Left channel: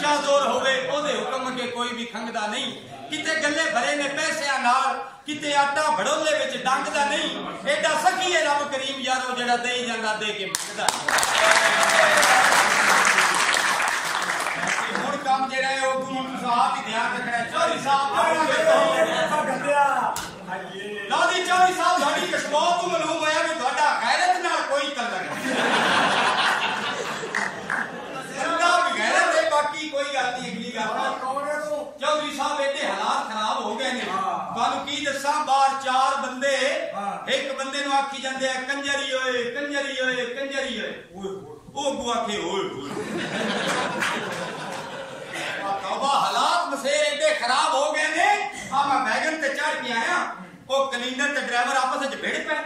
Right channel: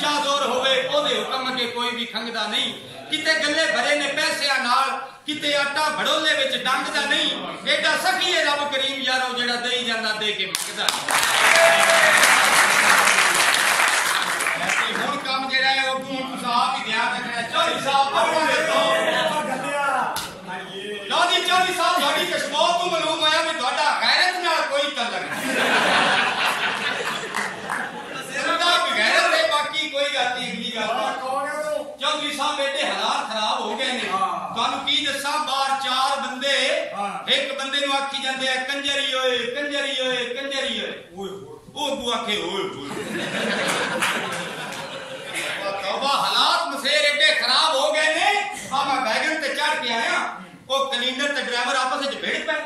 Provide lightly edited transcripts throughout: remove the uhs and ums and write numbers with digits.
शाह जोर होवे ओदे हुक्म के कोई भी खंगदा नहीं किते गले भरे ने पैसियां नाल किते आटा भड़ोले विच डंगदा नहीं एडा सखी है रब करीम यारो जेड़ा देई जांदा दे के मंगदा हुण काम जेड़ा है ओ हुण तुसां आप ही ध्यान रखना चौधरी साहब अपना देखो गंदिया लो जी चौधरी साहब साडी कश्मीर तो मालूम होया भी तुहाडा गैरत नाल कोई तल्लक नहीं गैरत है बाकी कोई गल नहीं अगली गल कौन है तू चौधरी साहब एडे हालात खराब हो गए ने तुहानू की दस्सां बाहर चार बंदे एक बंदे नु आखी जांदे आ कंजरी ओए कंजरी ओए कंजरी ओए ओ बुआ के ओए तौबा हालात मसेर एडे खराब हो गए ने आ मैं वैगन ते चढ़ के आया ओ कलिंडर ते ड्राइवर आपस विच भिड़ पे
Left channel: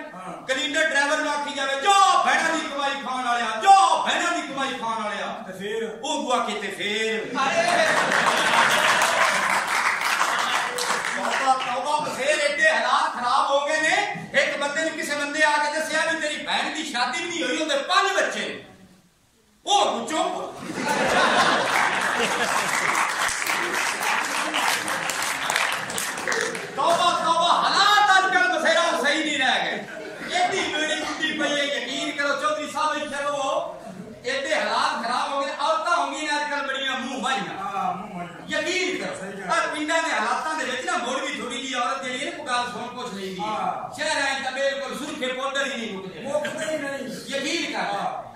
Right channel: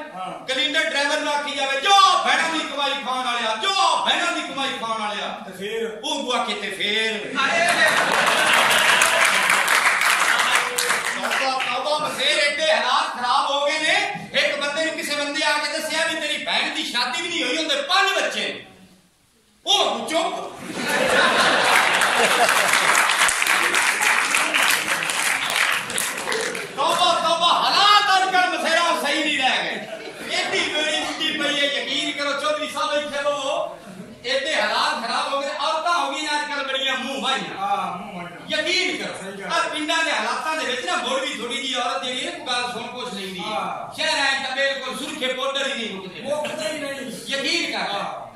कलिंडर ड्राइवर नु आखी जावे जो भैणा दी कमाई खाण वालिया जो भैणा दी कमाई खाण वालिया ते फिर ओ बुआ के ते फिर तौबा तौबा मसेर एडे हालात खराब हो गए ने एक बंदे ने किसी बंदे आके दस्सिया भी तेरी बहन दी शादी भी नहीं हुई उनदे 5 बच्चे ओ चुप तौबा तौबा हालात आजकल मसेरा सही नहीं रह गए एडी बेड़ी बुड्ढी पई है यकीन करो चौधरी साहब इत्थे लो एडे हालात खराब हो गए औरतां हो गई आजकल बड़ियां मुंह भाईयां यकीन करो और पिंडां दे हालातां दे विच ना मोड़ भी थोड़ी जी औरत जेड़ी है गल सुन पुछ लैंदी शहरां च बिल्कुल सुरखे पाउडर ही नहीं मुकदे ही नहीं यकीन कर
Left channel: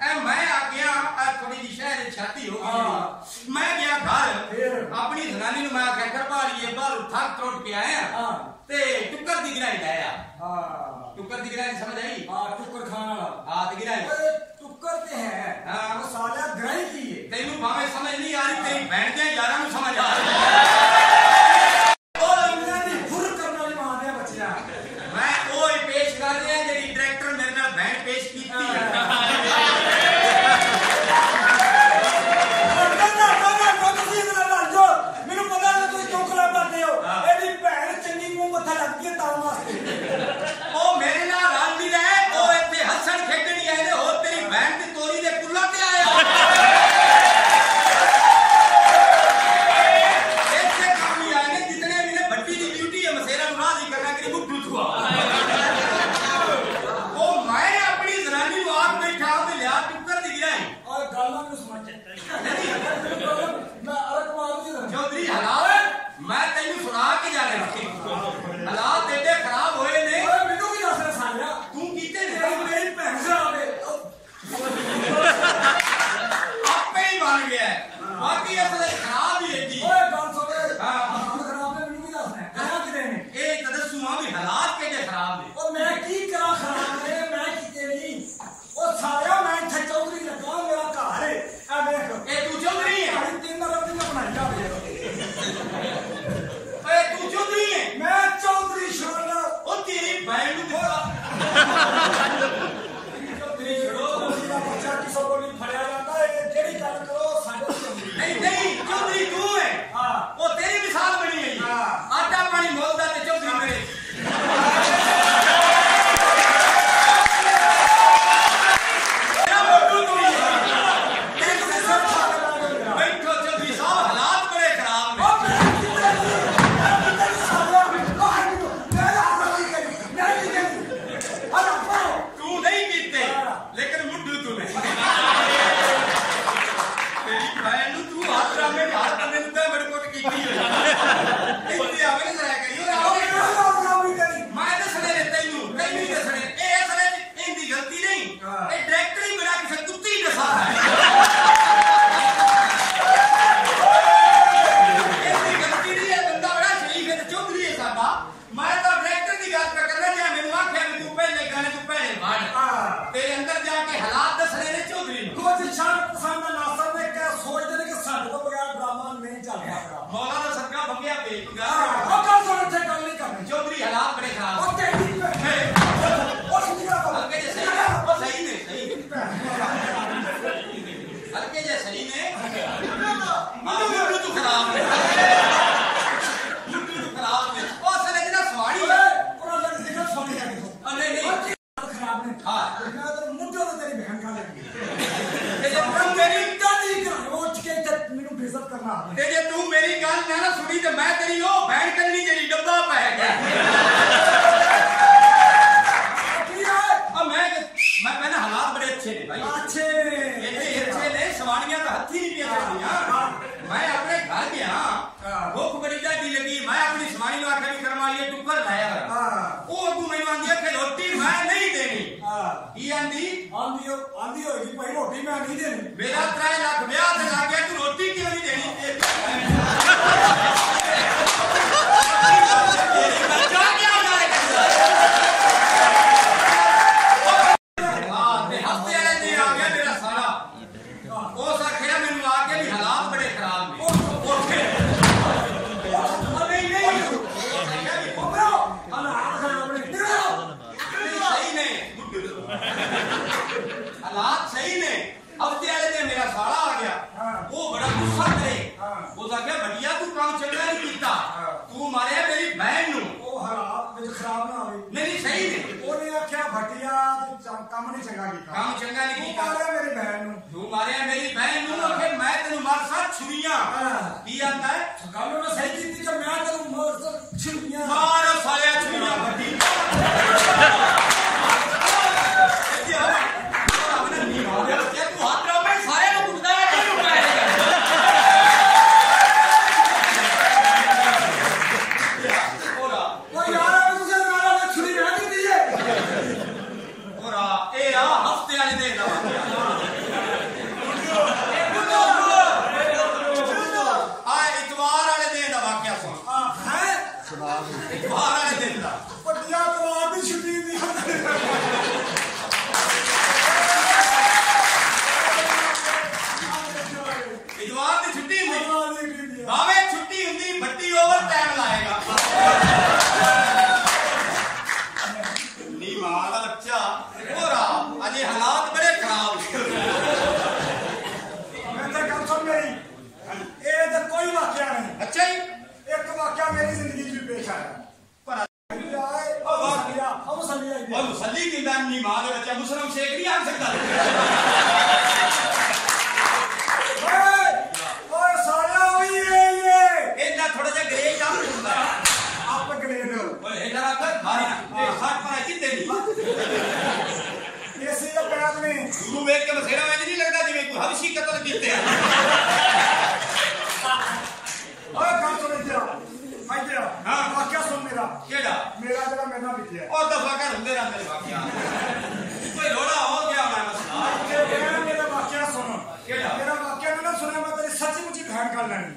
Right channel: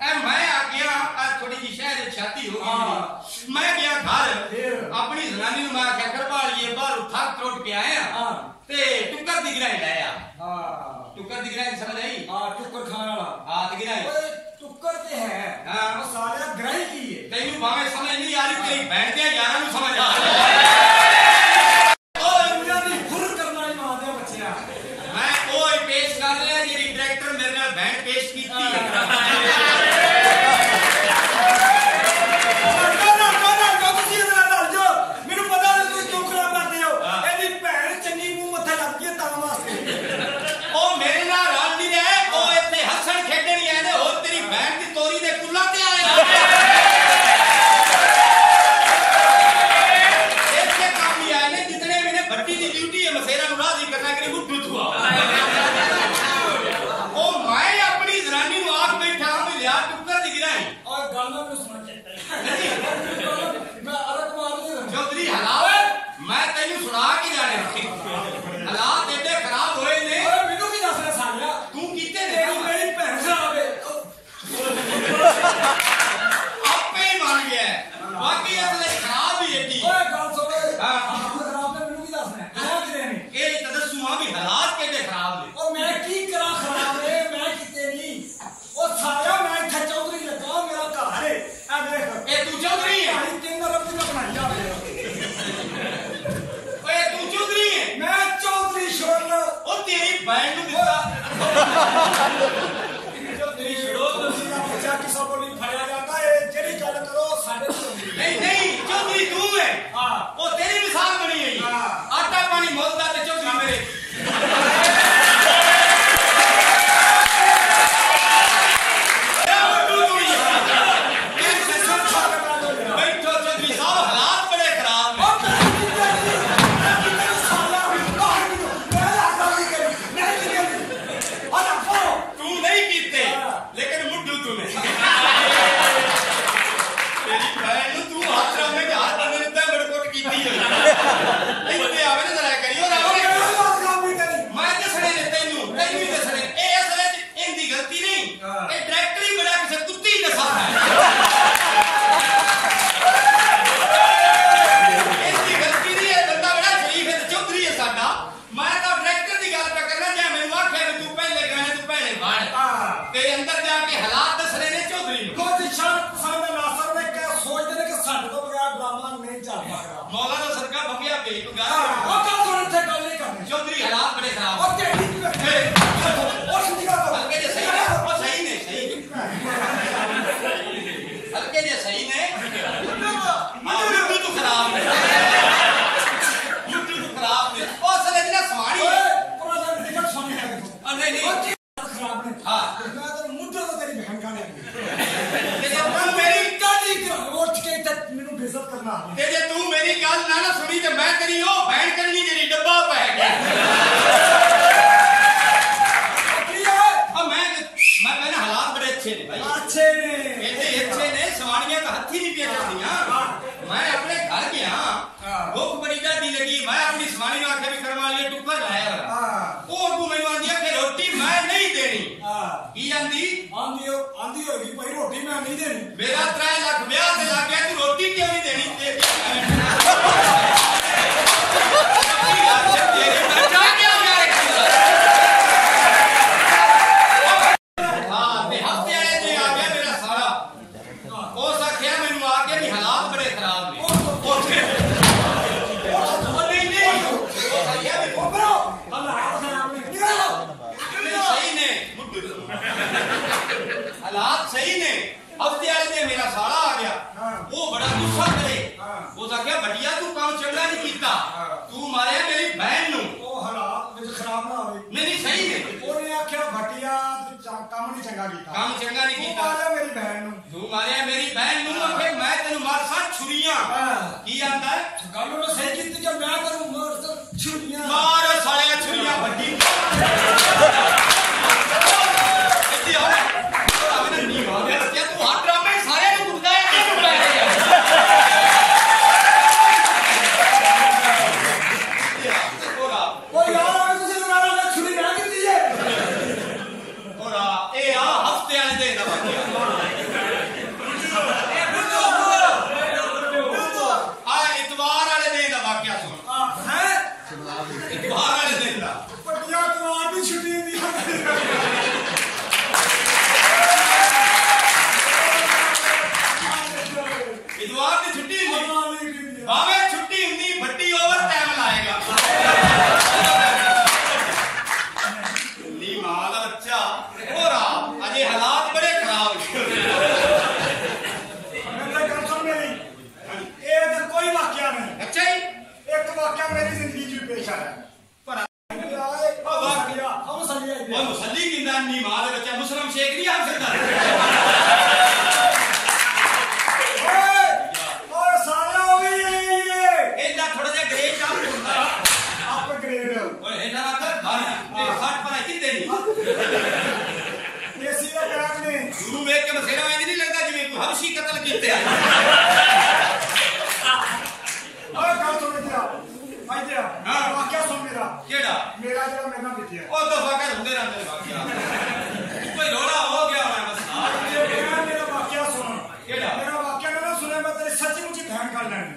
ए मैं आ गया थोड़ी जी शहर शादी हो गई मैं गया घर अपनी जनानी नु मैं आख्या करवालिए बाहर थक त्रुट के आया ते टुक्कर दी गिराई लाया टुक्कर दी गिराई समझ आई टुक्कर खाने वाला हां ते गिराई ओए टुक्कर ते है वो साला गिराई की है तैनू भावे समझ नहीं आ रही तेरी बहन दे यारां नु समझ आ रही ओ दुनिया दी हुर करन वाली मां दे बच्चिया मैं ओए पेश कर रहा जेडी डायरेक्टर मेरे नाल बहन पेश कीती चौधरी हालात मैं तेन सुना के जाने हालात एडे खराब होए ने मैनू की दस सालिया तू कीते ने मेरी भैन खराब है आपे ही मान गया बाकी असले खराब ही एडी ओए गल सुन हालात खराब ने मैनू की दसना क्या करे ने ए त दसू हां भी हालात केडे खराब ने और मैं की करा खराब ने मैं कीते नहीं ओ सालिया मैं इथे चौधरी लगा मेरा घर है आ देख ए तू चौधरी है भाई तीन रब दी बनाई जावे ओए तू चौधरी है मैं चौधरी शरण ओ तेरी बहन नु दिता चौधरी छोड़ो तुसीदा बच्चा किसी को नहीं फड़या जाता है जेडी गल करो साडे नहीं नहीं चौधरी तू है हां ओ तेरी मिसाल बनी है हां आटा पानी मोलदा ते चौधरी मेरे मौलाना सरकार भगिया बेई को गा ओ कल तो इथे गल नहीं करनी चौधरी हालात बड़े खराब ओ तेरी ओ सुनिगा हल्के जे सही ओ सही ने सही हल्के जे सही ने तू खराब है तू खराब है ओ सले जना सवाड़ी पूरा जग दिखत सुन के देखो नहीं नहीं खराब नहीं हां मैं तो मुद्दो तो तेरी बहन का लगी ये तो मेरी दादी उठ के इधर मेनू बेइज्जत करना ते जे तू मेरी गल ना सुनी ते मैं तेरी ओ बहन करनी जेडी डब्बा पै गया मैं ना हालात बड़े अच्छे ने भाई अच्छे ने सवानियां तो हथी नहीं पिया चलदियां मैं अपने घर गया भूख बड़ी ज्यादा लगी मैं अपनी सवानी नु आखे भी करवा लिए टुकर लाया ओ अगू मैनू आंदी कि रोटी मैं नहीं देनी की आंदी होगी भाई रोटी मैं नहीं देनी मेरा 3 लाख ब्याह ते लग गया तू रोटी क्यों नहीं देनी हालात सही ने हफ्ते वाले दिन मेरा साला आ गया वो बड़ा गुस्सा करे वो आख्या बढ़िया तू काम चंगा नहीं कीता तू मारे मेरी बहन नु ओ हालात विच खराब ना होवे नहीं सही ने ओने आख्या भटिया काम नहीं चंगा कीता नहीं कीता तू मारे मेरी बहन नु मेरी बहन नु आखे मैं तेनु मार सा छुरियां की आंदा है गल ओने सही कीती कि मैं तेनु मार सा छुरियां मार सालिया छुरियां भट्टी हालात बड़े खराब कोई वाकया नहीं अच्छा ही एक वाकया मेरी जिंदगी में पेश आया मुसल्ली किंदा नी मां दे बच्चा मुसलम शेख नहीं आ सकता ओए साला होई ये इतना थोड़ा जा ग्रेड डाउन होता आप ग्रेड ओए इधर आकर मारना ये 60 पर कितने नहीं देसी का पैर ने तू देख के मसेरा में नहीं लगता जिਵੇਂ कोई हबशी कत्ल कीते ओए कर तो नहीं दिया भाई दिया हां वाकया सुन मेरा केड़ा मेरा जरा मेरा बिटिया ओ दफा कर हुंदे रहंदे वाकया कोई रोड़ा हो गया मैं मसला मेरा वाकया सुन केड़ा मेरा वाकया ना सुने मैं तेरी सच्ची मुच्ची बहन कर लेनी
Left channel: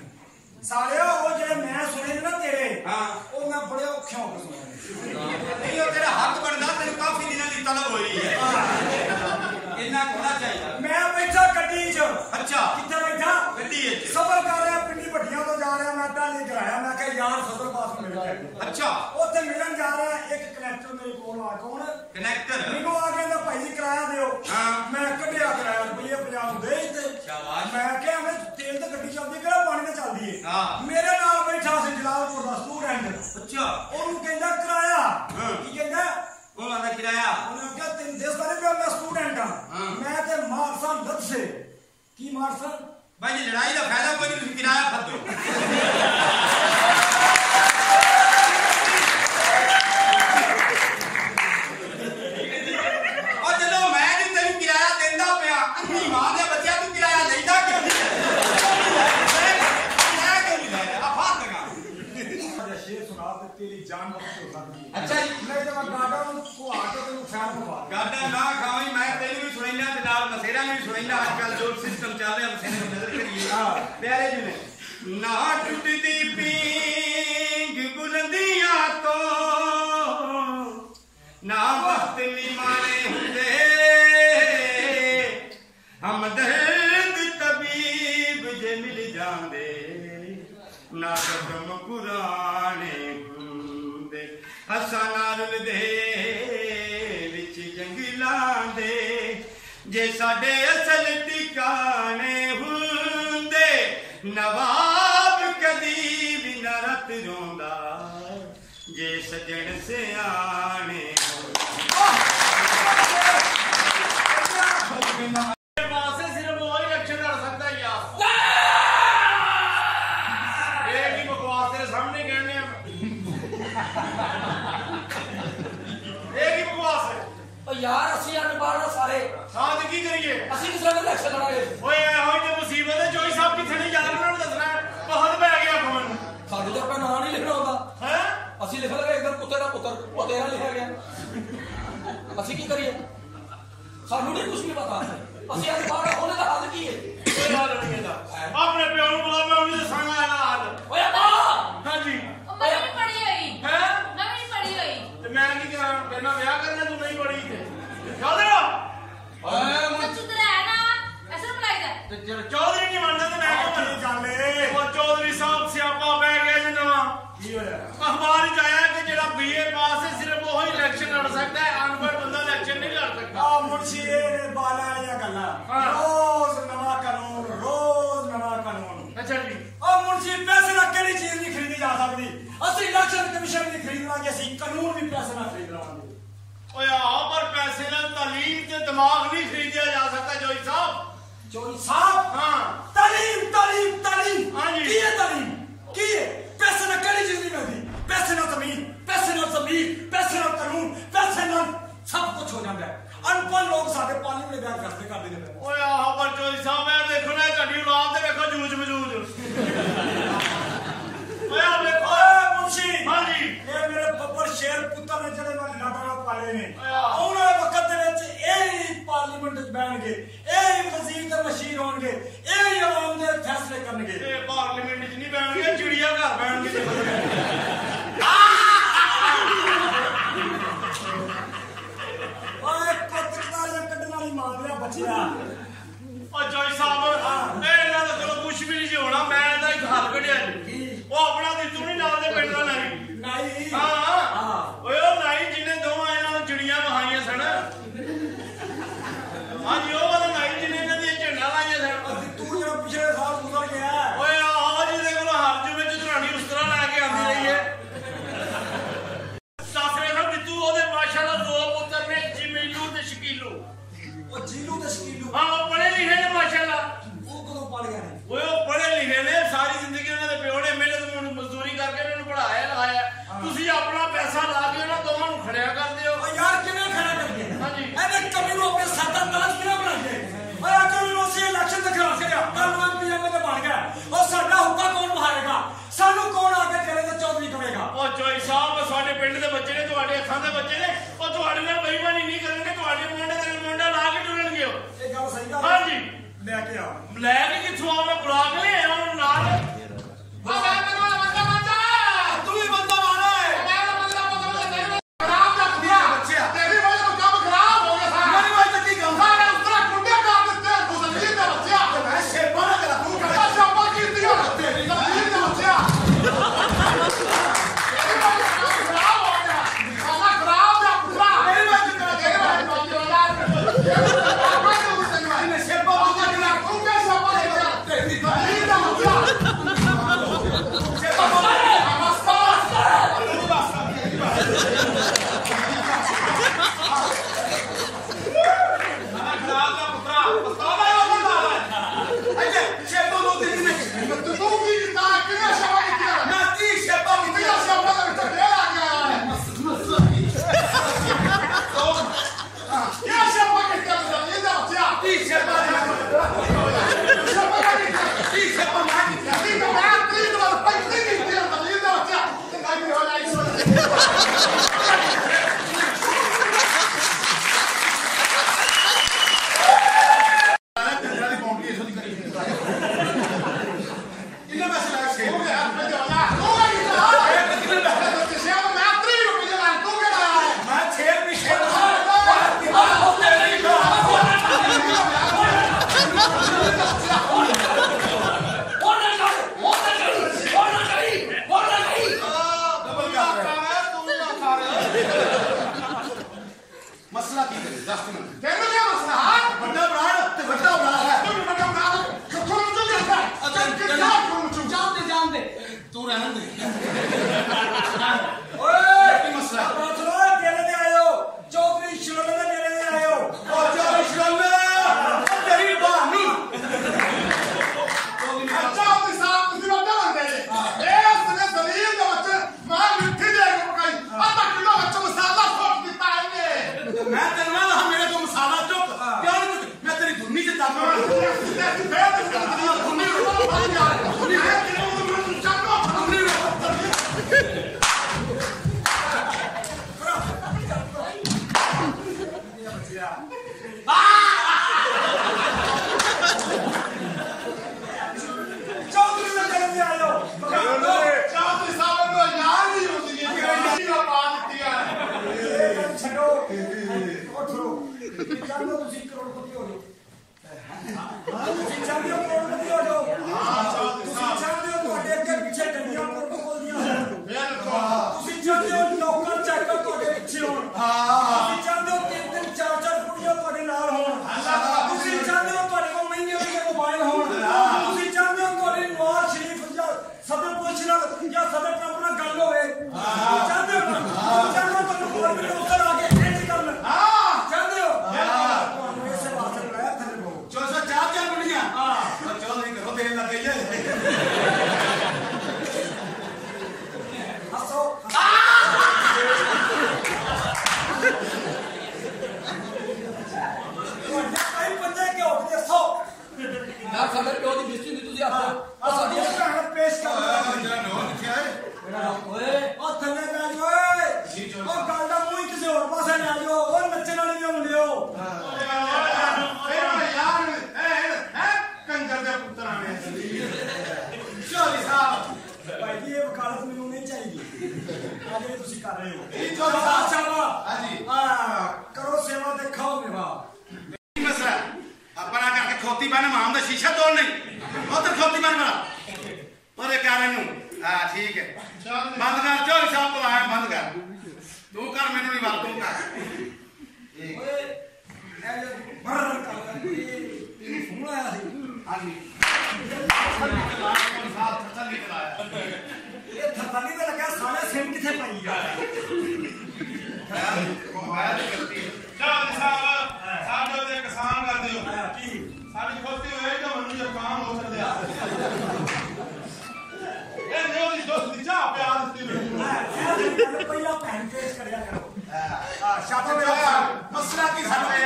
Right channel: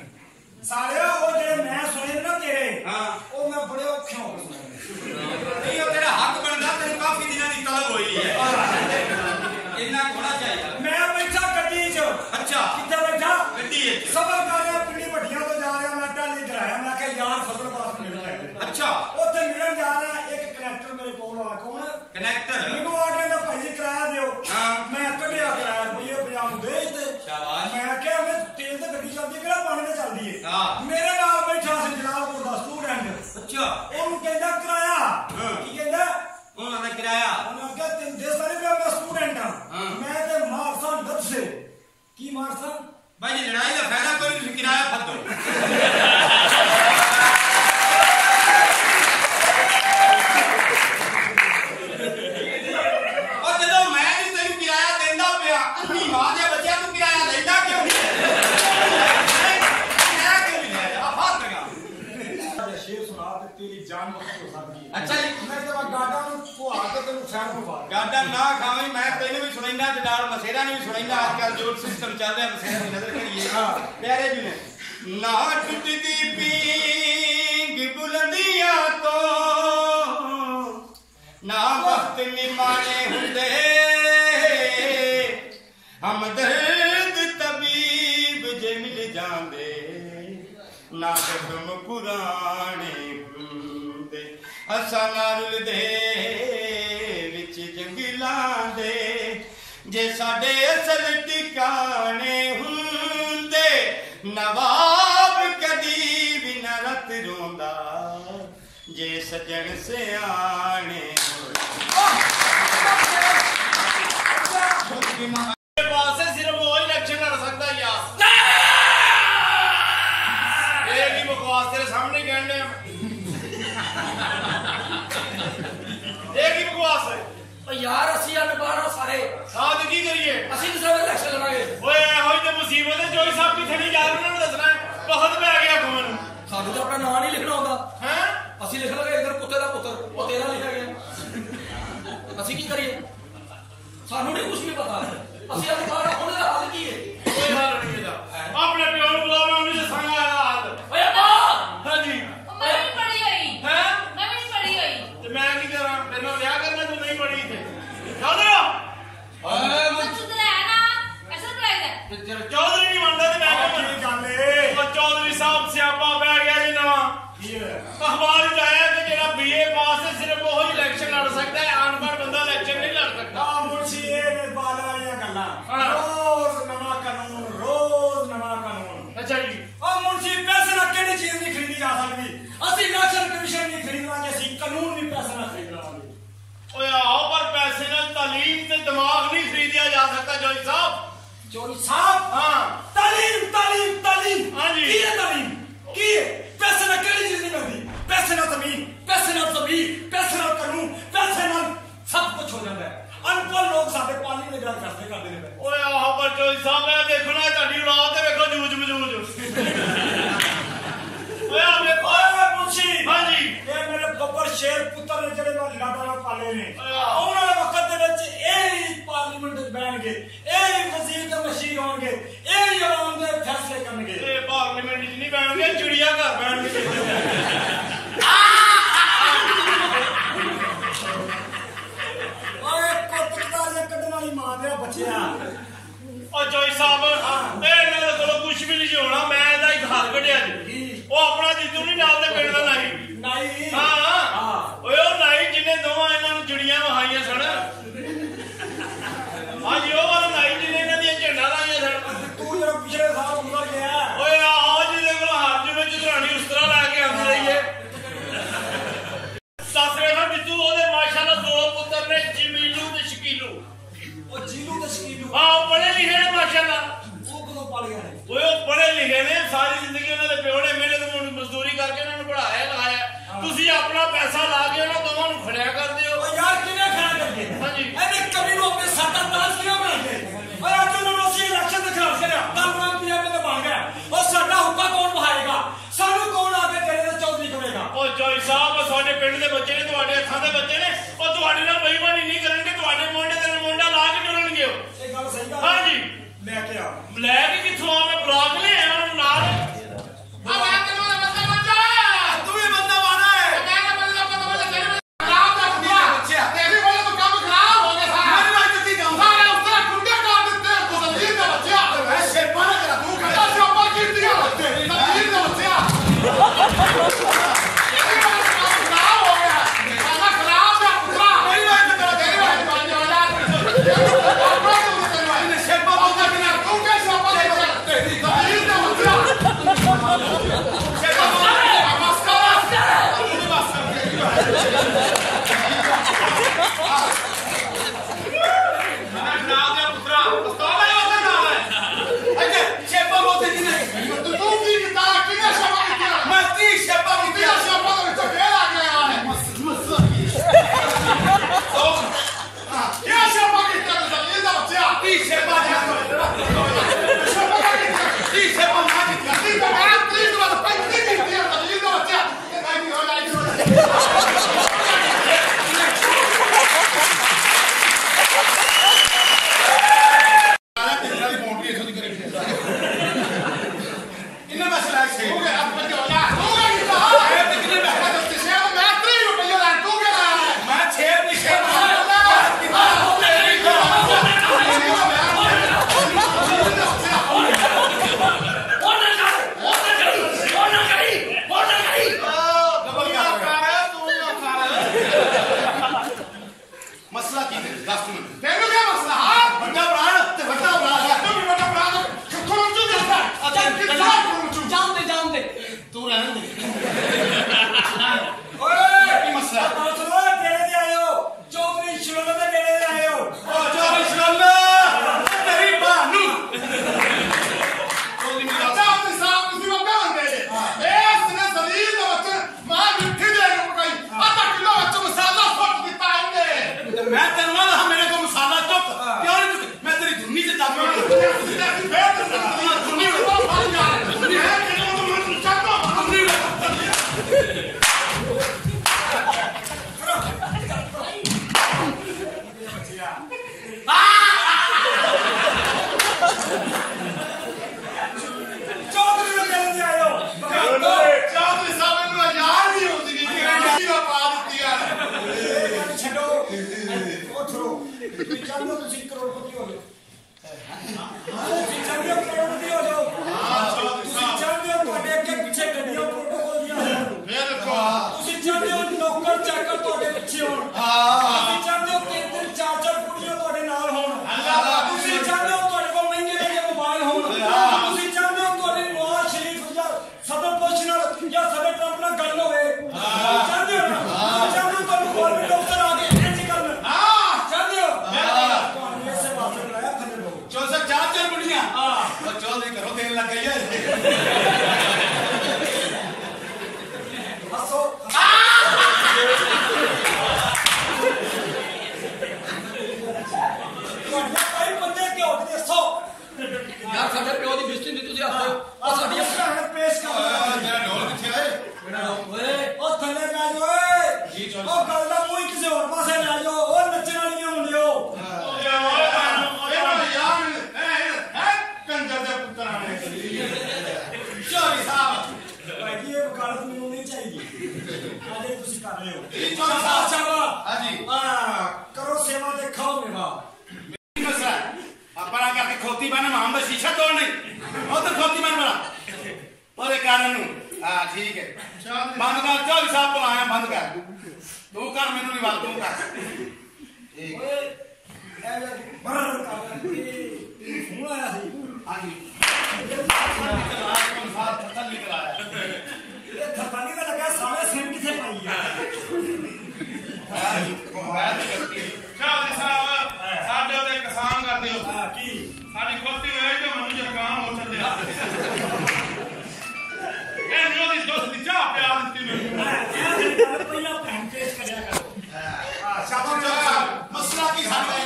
सालिया वो जेड़े मैं सुने ना तेरे हां ओ मैं बड़े औखे हो के सुने नहीं ओ तेरा हक बनदा तेरे काफी दिनों दी तलब होई है इतना होना चाहिए मैं बैठा गड्डी च अच्छा किथे बैठा गड्डी च सफर कर रहा पिंडी भट्टियां तो जा रहा मैं टाली कराया मैं कहा यार सफर पास मिल जाए अच्छा ओथे मिलन जा रहा एक कनेक्टर मेरे कोल आ कौन कनेक्टर मेनू आ कहंदा भाई जी किराया दियो हां मैं कढिया किराया रुपये 50 दे ते शाबाश मैं क्या मैं तेल ते गड्डी चलदी केड़ा पानी ते चलदी है हां मेरे नाल बैठा सी जलालपुर दा स्टूडेंट अच्छा ओनू कहंदा किराया की कहंदा ਉਹਨਾਂ ਦਾ ਕਿਰਾਇਆ ਉਹਨੇ ਕਿਹਾ ਤੈਨੂੰ ਦੇ ਸਾਰੇ ਪਿਆ ਮੈਂ ਸਟੂਡੈਂਟ ਆ ਮੈਂ ਤੇ ਮਾਰਸਾ ਲੱਭਸੇ ਕੀ ਮਾਰਸਾ ਭਾਈ ਜੀ ਲੜਾਈ ਦਾ ਫਾਇਦਾ ਕੋਈ ਨਹੀਂ ਤੁਸੀਂ ਕਿਰਾਇਆ ਫੱਦੋ ਉਹ ਜਦੋਂ ਮੈਂ ਜੀ ਤੈਨੂੰ ਕਿਰਾਇਆ ਦਿੰਦਾ ਪਿਆ ਅੰਨੀ ਮਾਂ ਦੇ ਬੱਚਿਆਂ ਤੂੰ ਕਿਰਾਇਆ ਲੈਂਦਾ ਕਿਉਂ ਨਹੀਂ ਕਿਰਾਇਆ ਕਿਉਂ ਨਹੀਂ ਲੈ ਰਿਹਾ ਫਾੜ ਲਗਾ शेर सुना दे तेरी जान बख्श हो सकती है अच्छा जी मैं जब गाड़ा को आके तेनु खैर को बात गाड़ा ना खावी मैं तेनु भी सुनैना ते नाल मसेरा ने भी सुनैना आजकल जो सिस्टम चल रहा मसेरा की नजर करिए प्यारे जी ने ना टूटती पींग बुलंदियां तो ना वक्त निमाने हुंदे हमदर्द तबीब जे मिल जांदे ना कदम पुराने हुंदे हसा नारुल दे विच जंगलां दे जे साडे असल ठिकाने हुंदे नवाब कदी भी न रत रोंदा जे सजन सियाने पास सिर्फ वही लक्षण कर सकता यार यार ਅਸੀਂ ਅਨਪੜ੍ਹ ਸਾਰੇ ਸਾਥ ਕੀ ਕਰੀਏ ਅਸੀਂ ਕਿਸ ਤਰ੍ਹਾਂ ਇਲੈਕਸ਼ਨ ਲੜਾਂਗੇ ਓਏ ਇਹੋ ਜਿਹੀ ਮੁਸੀਬਤ ਹੈ ਜੋਈ ਸਾਹਿਬ ਕਿੱਥੇ ਨਹੀਂ ਜਾ ਉਹਨਾਂ ਨੂੰ ਦੱਸਣਾ ਬਹੁਤ ਪੈ ਗਿਆ ਖਮਨ ਸਾਨੂੰ ਤਾਂ ਆਪਣਾ ਨਾਂ ਨਹੀਂ ਲਿਖਣਾ ਆਉਂਦਾ ਹੈ ਅਸੀਂ ਲਿਖ ਲਾਂਗੇ ਇਧਰ ਕੁੱਤੇ ਦਾ ਪੁੱਤਰ ਉਹ ਤੇਰਾ ਲਿਖਿਆ ਗਿਆ ਅਸੀਂ ਕੀ ਕਰੀਏ ਸਾਨੂੰ ਨਹੀਂ ਕੁਝ ਵੀ ਪਤਾ ਅਸੀਂ ਅਨਪੜ੍ਹ ਉਹਨੇ ਦਾ ਹੱਲ ਕੀ ਹੈ ਕੋਈ ਹੱਲ ਨਹੀਂ ਇਹਦਾ ਆਪਣੇ ਪਿਓ ਨੂੰ ਬੁਲਾ ਮੈਂ ਉਹਨੂੰ ਦੱਸਾਂਗਾ ਇਹਦਾ ਹੱਲ ਓਏ ਅੱਬਾ ਹਾਂਜੀ ਮੈਂ ਵੀ ਪੜੀ ਹੋਈ ਹੈ ਮੈਂ ਵੀ ਪੜੀ ਹੋਈ ਤੇ ਮੈਂ ਕੀ ਕਰਾਂ ਮੇਰੇ ਨਾਲ ਵਿਆਹ ਕਰਨਾ ਤੂੰ ਨਹੀਂ ਪੜੀ ਤੇ ਚੱਲ ਮੈਂ ਸੁਧਰ ਹੈ ਨਾ ਐਸਾ ਪੜਾਈਦਾ ਤੇ ਚੌਧਰੀ ਨਹੀਂ ਮੰਨਦਾ ਤੇ ਮੈਂ ਕਿਉਂ ਕੀ ਗੱਲ ਏ ਉਹ ਚੌਧਰੀ ਸਾਹਿਬ ਸਿਆਪਾ ਪੈ ਗਿਆ ਜੀ ਨਵਾਂ ਕੀ ਹੋਇਆ ਅਖਬਾਰ ਚ ਆਇਆ ਕਿ ਜਿਹੜਾ ਬੀਏ ਪਾਸ ਹੈ ਸਿਰਫ ਉਹ ਹੀ ਇਲੈਕਸ਼ਨ ਲੜ ਸਕਦਾ ਹੈ ਅਨਪੜ੍ਹ ਬੰਦਾ ਇਲੈਕਸ਼ਨ ਨਹੀਂ ਲੜ ਸਕਦਾ ਆ ਮੁਰਸ਼ੀ ਇਹ ਬਾਲਾਂ ਵਾਲੀਆਂ ਗੱਲਾਂ ਹਾਂ। ਰੋਜ਼ ਨਵਾਂ ਕਾਨੂੰਨ ਅੱਛਾ ਜੀ ਉਹ ਮੁਰਸ਼ੀ ਪੈਸੇ ਨਾਲ ਕਿਹੜੀ ਚੀਜ਼ ਨਹੀਂ ਖਰੀਦੀ ਜਾ ਸਕਦੀ ਅਸੀਂ ਇਲੈਕਸ਼ਨ ਕਮਿਸ਼ਨ ਨਹੀਂ ਖਰੀਦਵਾਂਗੇ ਅਸੀਂ ਕਾਨੂੰਨ ਵੀ ਪੈਸੇ ਨਾਲ ਖਰੀਦ ਲਵਾਂਗੇ ਓਏ ਆਓ ਪਰ ਪੈਸੇ ਨਾਲ ਤਾਲੀਮ ਤੇ ਦਿਮਾਗ ਨਹੀਂ ਖਰੀਦਿਆ ਜਾ ਸਕਦਾ ਜੋਈ ਸਾਹਿਬ ਚੋਰੀ ਸਾਹਿਬ ਹਾਂ ਤਾਲੀਮ ਹਾਂਜੀ। ਕੀ ਹੈ ਤਾਲੀਮ ਕੀ ਹੈ ਪੈਸੇ ਨਾਲ ਕਿਹੜੀ ਚੀਜ਼ ਨਹੀਂ ਮਿਲਦੀ ਪੈਸੇ ਨਾਲ ਜ਼ਮੀਨ ਪੈਸੇ ਨਾਲ ਕਾਨੂੰਨ ਪੈਸੇ ਨਾਲ ਸਭ ਕੁਝ ਹੋ ਜਾਂਦਾ ਹੈ ਅਨਪੜ੍ਹ ਲੋਕ ਸਾਡੇ ਪਾਰਲੀਮੈਂਟ ਦੇ ਬਿਆਨ ਫੈਸਲੇ ਕਰਦੇ ਨੇ ਪਏ ਓਏ ਆਹ ਪਰ ਜੋਈ ਸਾਹਿਬ ਮੈਂ ਦੇਖਣਾ ਤੁਹਾਡੀ ਔਲਾਦ ਤੇ ਵੇਖੋ ਜੂਝ ਮਜੂਜ ਓਏ ਆ ਵੇਖੋ ਓਏ ਮੁਰਸ਼ੀ ਹਾਂਜੀ ਇਹ ਮੇਰੇ ਬੱਬਰ ਸ਼ੇਰ ਪੁੱਤਰ ਨੇ ਜਿਹੜੇ ਮੈਂ ਲਾਡਾ ਨਾਲ ਪਾਲੇ ਨੇ ਆਹ। ਆਉਣ ਵਾਲੇ ਵਕਤ ਦੇ ਵਿੱਚ ਇਹ ਹੀ ਪਾਰਲੀਮੈਂਟ ਵਿੱਚ ਬੈਣਗੇ ਇਹ ਹੀ ਵਜ਼ੀਰ ਤੇ ਮਸ਼ੀਰ ਹੋਣਗੇ ਇਹ ਹੀ ਆਵਾਮ ਦੇ ਫੈਸਲੇ ਕਰਨਗੇ ਇਹ ਪਾਰਲੀਮੈਂਟ 'ਚ ਨਹੀਂ ਬੈਣਗੇ ਚਿੜੀਆ ਘਰ ਬੈਣਗੇ ਓਏ ਕੋਤਕਦਾਰੀਆਂ ਕੱਢਣ ਵਾਲੀ ਮਾਂ ਦੇ ਬੱਚਿਆ ਓ ਜੋਈ ਸਾਹਿਬ ਇਹਨਾਂ ਦੇ ਕੋਲੋਂ ਕੁਝ ਵੀ ਨਹੀਂ ਹੋਣਾ ਮੈਂ ਇਹਦਾ ਇੱਕ ਹੱਲ ਕੱਢਿਆ ਜੀ ਉਹ ਆਪਣਾ ਦਿੱਤੂ ਨਹੀਂ ਨਾਲ ਦੇ ਪਿੰਡ ਦਾ ਨਹੀਂ ਨਹੀਂ ਹਾਂ ਓਏ ਉਹ ਨਾਈ ਜਿਹਨੇ ਦੋਵਾਂ ਇਹਨਾਂ ਨੂੰ ਚਿੜੀਆਂ ਵਹਾਈਆਂ ਸਨ ਹਾਂਜੀ ਉਹ ਵਾਲਾ ਨਾਈ ਜਿਹਨੇ ਇਹਨਾਂ ਦੀਆਂ ਝੰਡਾ ਲਾਈਆਂ ਸਨ ਤੂੰ ਜਿਹੜਾ ਪਿਛਲੇ ਸਾਲ ਗੁਜ਼ਰ ਗਿਆ ਓਏ ਆਹੋ ਜਿਹਦੇ ਕੋਲ ਹੱਥ ਵਿੱਚ ਧਰਾਣੀ ਉਸ ਤਰ੍ਹਾਂ ਲੈ ਕੇ ਆਉਂਦੀ ਰਹੀ ਹੈ ਸਾਸਰੇ ਦਾ ਬਿੱਤੂ ਉਹਦੇ ਮਾਸ਼ਾਅੱਲਾ ਦੋ ਪੁੱਤਰ ਨੇ ਜਮੀਲੂ ਤੇ ਸ਼ਕੀਲੂ ਉਹ ਜੀਲੂ ਤੇ ਸ਼ਕੀਲੂ ਆਹ ਪੜ੍ਹੇ ਲਿਖੇ ਨੇ ਮਾਸ਼ਾਅੱਲਾ ਉਹ ਕਦੋਂ ਪਾਲੀਆਂ ਨੇ ਓਏ ਉਹ ਪੜ੍ਹੇ ਲਿਖੇ ਨੇ ਸਾਰੀ ਜ਼ਿੰਦਗੀ ਉਹਨਾਂ ਦੇ ਪਿਓ ਨੇ ਮਿਹਨਤ ਮਜ਼ਦੂਰੀ ਕਰਕੇ ਉਹਨਾਂ ਨੂੰ ਪੜ੍ਹਾਇਆ ਲਗਾਇਆ ਤੁਸੀਂ ਆਪਣਾ ਪੈਸਾ ਲਾ ਕੇ ਉਹਨਾਂ ਦੋਵਾਂ ਨੂੰ ਖੜਿਆ ਕਰਦੇ ਹੋ ਓ ਯਾਰ ਕਿਵੇਂ ਖੜਾ ਕਰੀਏ ਹਾਂਜੀ ਇਹਨੇ ਕਮੀ ਨੂੰ ਆਪਣੇ ਸਾਡਾ ਤਾਜ ਕਿਵੇਂ ਬਣਾਈਏ ਓਏ ਅੱਜ ਨੂੰ ਅਸੀਂ ਇਲੈਕਸ਼ਨ ਦੇ ਖਿਲਾਫ ਛੜਿਆ ਕੱਲ ਨੂੰ ਐਮਪੀਐਮ ਤੇ ਬਣ ਗਿਆ ਉਹ ਸਾਡਾ ਹੁੱਕਾ ਕੌਣ ਵਹਾਏਗਾ ਸਾਨੂੰ ਕੌਣ ਆ ਕੇ ਜਿਹੜੇ ਤੇ ਚੌਧਰੀ ਕਹੇਗਾ ਉਹ ਜੋਈ ਸਾਹਿਬ ਸਾਡੇ ਪਿੰਡ ਦੇ ਬੱਚੇ ਨੇ ਤੁਹਾਡੇ ਅੱਖਾਂ ਦੇ ਬੱਚੇ ਨੇ ਉਹ ਤੁਹਾਡੇ ਨਾਲ ਬੇਈਮਾਨੀ ਨਹੀਂ ਕਰਨਗੇ ਤੁਹਾਡੇ ਮੁੰਡੇ ਤੇ ਮੁੰਡਾ ਲਾ ਕੇ ਟੁਰਨਗੇ ਉਹ ਇਹ ਗੱਲ ਸਹੀ ਗੱਲ ਹਾਂਜੀ ਲੈ ਕੇ ਆ ਲੈ ਕੇ ਕਿੱਥੋਂ ਆ ਮੈਂ ਬੁਲਾ ਕੇ ਲਿਆ ਉਹਨਾਂ ਨੂੰ ਨਾਲ ਤੂੰ ਵੀ ਬੰਦਾ ਮਾਰਾ ਹੈ ਮੇਰੀ ਵਜ੍ਹਾ ਤੋਂ ਕੰਮ ਖਰਾਬ ਹੋ ਗਿਆ ਸਾਰਾ ਮੇਰੀ ਵਜ੍ਹਾ ਤੋਂ ਕੀ ਕੰਮ ਸਾਰਾ ਉਸਤਰਾ ਕੁੰਡੇ ਕਰ ਦਿੱਤੇ ਗੁਜ਼ਰੀਨ ਦਾ ਬੱਚਾ ਮੈਂ ਸ਼ੇਪਾ ਨਾ ਕਰਾ ਤੂੰ ਕਰ ਸ਼ੇਪਾ ਕੀਤੀ ਆ ਤੇਰੀ ਗੁਜ਼ਰੀਨ ਦਾ ਬੱਚਾ ਮੇਰੀ ਵਜ੍ਹਾ ਤੋਂ ਕੰਮ ਖਰਾਬ ਹੋ ਗਿਆ ਖਾਣਾ ਖਰਾਬ ਦਾ ਪੁੱਤਰਾ ਮੇਰੀ ਵਜ੍ਹਾ ਤੋਂ ਤੇਰੀ ਵਜ੍ਹਾ ਤੋਂ ਇਹਨੇ ਸ਼ੇਪਾ ਬੰਦਾ ਕਿਨਾ ਤੂੰ ਕਿਹ ਸ਼ੇਪਾ ਦੇ ਤੇਰੀ ਗੁਜ਼ਰੀਨ ਦਾ ਬੱਚਾ ਸ਼ੇਪਾ ਬੰਦਾ ਨਮਸਕਾਰ ਤੂੰ ਬਸ ਖਾਣਾ ਖਰਾਬ ਦਾ ਪੁੱਤਰਾ ਪਸਤਾਵਾ ਉਹਦਾ ਨਾਲ ਹੈ ਅੱਗੇ ਸ਼ੇਪਾ ਮੋਤੀ ਜੀ ਨੇ ਤੂੰ ਕੀ ਕੀਤਾ ਕਿਹਨੇ ਸ਼ਬਾ ਕੀਤਾ ਮੈਂ 30 ਸ਼ੇਪਾ ਤੇਰਾ ਮੋਤੀ ਸ਼ਬਾ ਦਾ ਵਿੱਚ ਫੇਲ ਆ ਗਿਆ ਹੈ ਕੀ ਸ਼ਬਾ ਕੀਤਾ ਤੂੰ ਇਹਦਾ ਬੱਚਾ 30 ਸ਼ੇਪਾ ਸ਼ਬਾ ਦਾ ਕੀਤਾ 30 ਸ਼ੇਪਾ ਮੈਂ ਕੀਤੀ ਕੀ ਮੈਂ 30 ਤੋਂ ਬਾਅਦ 35 ਕੀਤੀ ਹੈ ਇਹਦਾ ਬੱਚਾ ਤੇ ਨਹੀਂ ਹੋ ਜਾਈ यार साडे प्यो दी बेइज्जती नहीं तुसी हੱਥ ओ साडी ਭੈਣ ਪੇਸ਼ ਕਰ ਮੇਰਾ ਢੋਲ ਕਿੱਥੇ ਆਏ ਓਏ ਉਹ ਥੱਲੇ ਲੈ ਜਾ ਓਏ ਜੀ ਚੋਰ ਉਹ ਗੱਲ ਦਾ ਮੂੰਹ ਕਿਸੇ ਹੋਰ ਪਾਸੇ ਲੈ ਜਾਓ ਉਹ ਨੱਚਣ ਵਾਲੀਆਂ ਮੁੰਡਿਓ ਯਾਰ ਹੈ ਕੰਜਰ ਦੇ ਪੁੱਤਰਾਂ ਨੇ ਚੋਰੀ ਸਾਹਿਬ ਭਾਈ ਜੀ ਇਹ ਵਕਾਲਤ ਮੈਨੂੰ ਨਹੀਂ ਚਾਹੀਦੀ ਆ ਜਿਹੜੀ ਤੁਸੀਂ ਕਰ ਰਹੇ ਹੋ ਜੀ ਚੋਰ ਸਾਹਿਬ ਸ਼ਾਬਾਸ਼ ਹਾਂਜੀ ਕਰੋ ਸੇਵਾ ਤੇ ਖਾਓ ਮੇਵਾ ਮਸਲਾ ਆਪਣਾ ਕਰਕੇ ਖੋਤੀ ਬਣ ਮਾਮ ਦਾ ਸ਼ੀਸ਼ਾ ਤੋੜ ਨਹੀਂ ਉਧਰ ਖੋਤੀ ਬਣ ਬਣਾ ਉਹਦੇ ਕਾਰਨ ਨੂੰ ਹਾਂ ਠੀਕ ਹੈ ਬੰਦ ਕਰ ਚੋਰ ਸਾਹਿਬ ਤੋਂ ਆਇਆ ਬੰਦ ਕਰ ਤੂੰ ਕਰ ਮੈਨੂੰ ਨਹੀਂ ਵੱਲ ਤੂੰ ਕਰ ਓਏ ਇਹ ਬਰ ਕਰ ਇਹ ਫੋਨ ਆਇਆ ਸੀ ਹਾਂਜੀ ਥੱਲੀ ਚਲਾਇਆ ਇਹ ਥੱਲੀ ਤੇ ਲੱਗਾ ਸਾਲੇ ਸਿਮ ਕਿੱਥੇ ਪਾਈ ਚੌਧਰੀ ਸਾਹਿਬ ਸਾਡੇ ਉਹਦੇ ਕਿਸਾਨ ਕਰਦੇ ਹੋ ਆ ਕੀ ਸਾਡੀ ਖੋਤੀ ਹੋਏ ਤੇ ਮੈਨੂੰ ਜ਼ੁਕਾਮ ਹੋ ਚੱਲਿਆ ਇਹ ਨਹੀਂ ਉਹਦੀ ਦੋਸਤ ਦੀ ਚਾਹ ਪਿਆ ਦਿੱਤੀ ਮੈਨੂੰ ਇਹ ਗੱਲ ਪਹਿਲਾਂ ਭੈਣ ਪੇਸ਼ ਕਰਿਆ ਕਰੋ ਸ਼ਾਬਾਸ਼ ਮਸਲਾ ਕੀ ਸਾਹਮਣੇ